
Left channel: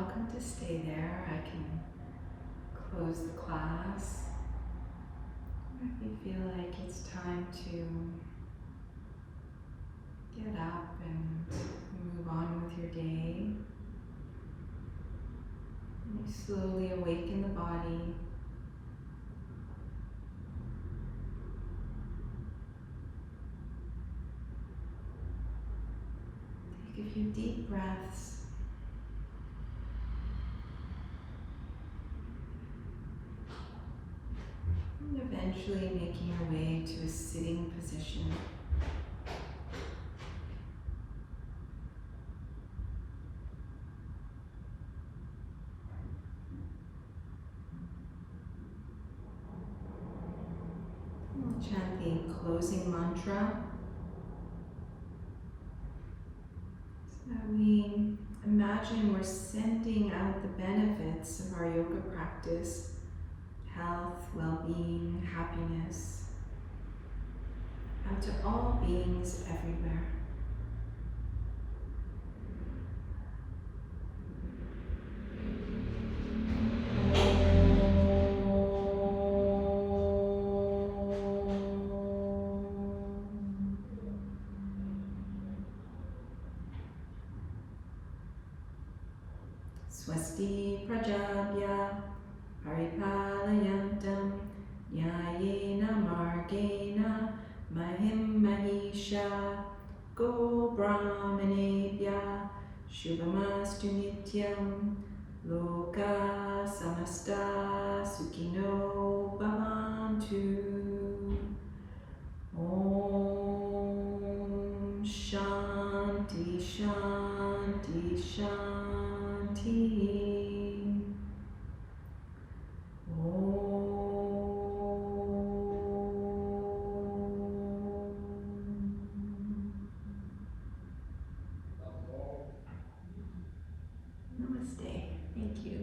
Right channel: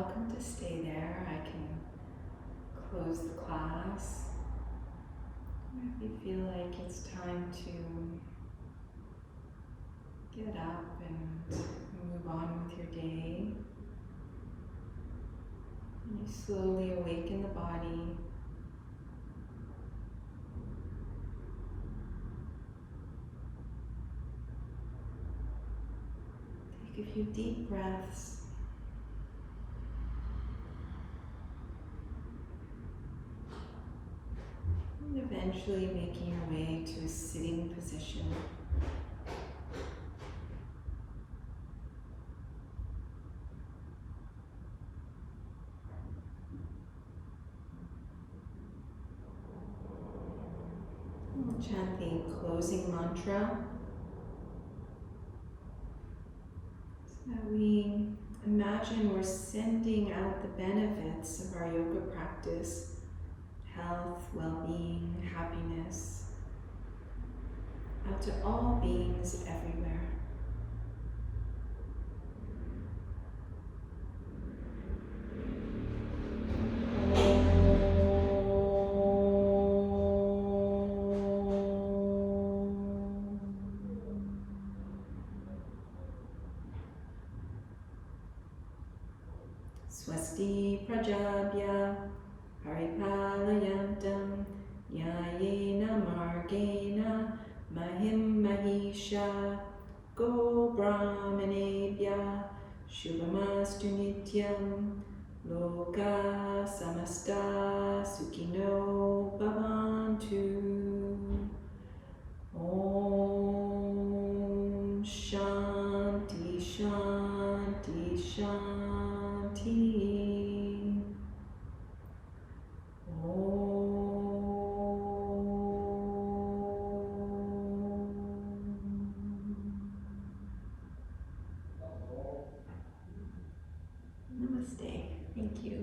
welcome to stay there. I can close the class. If you feel like it's time to get up and move on with your day, and you slowly awaken the body. Take a few deep breaths. And eventually making your way to a sitting position. We'll chant the closing mantra so that we imagine we're sending out the benefits of our yoga practice. Health, well-being, happiness, out to all beings everywhere. Swasti Prajabhya Paripalayantam Nyayena Margena Mahim Mahisha Go Brahmanebhya Shubhamastu Nityam Loka Samasta Sukhino Bhavantu. Om Shanti Shanti Shanti. Namaste. Thank you.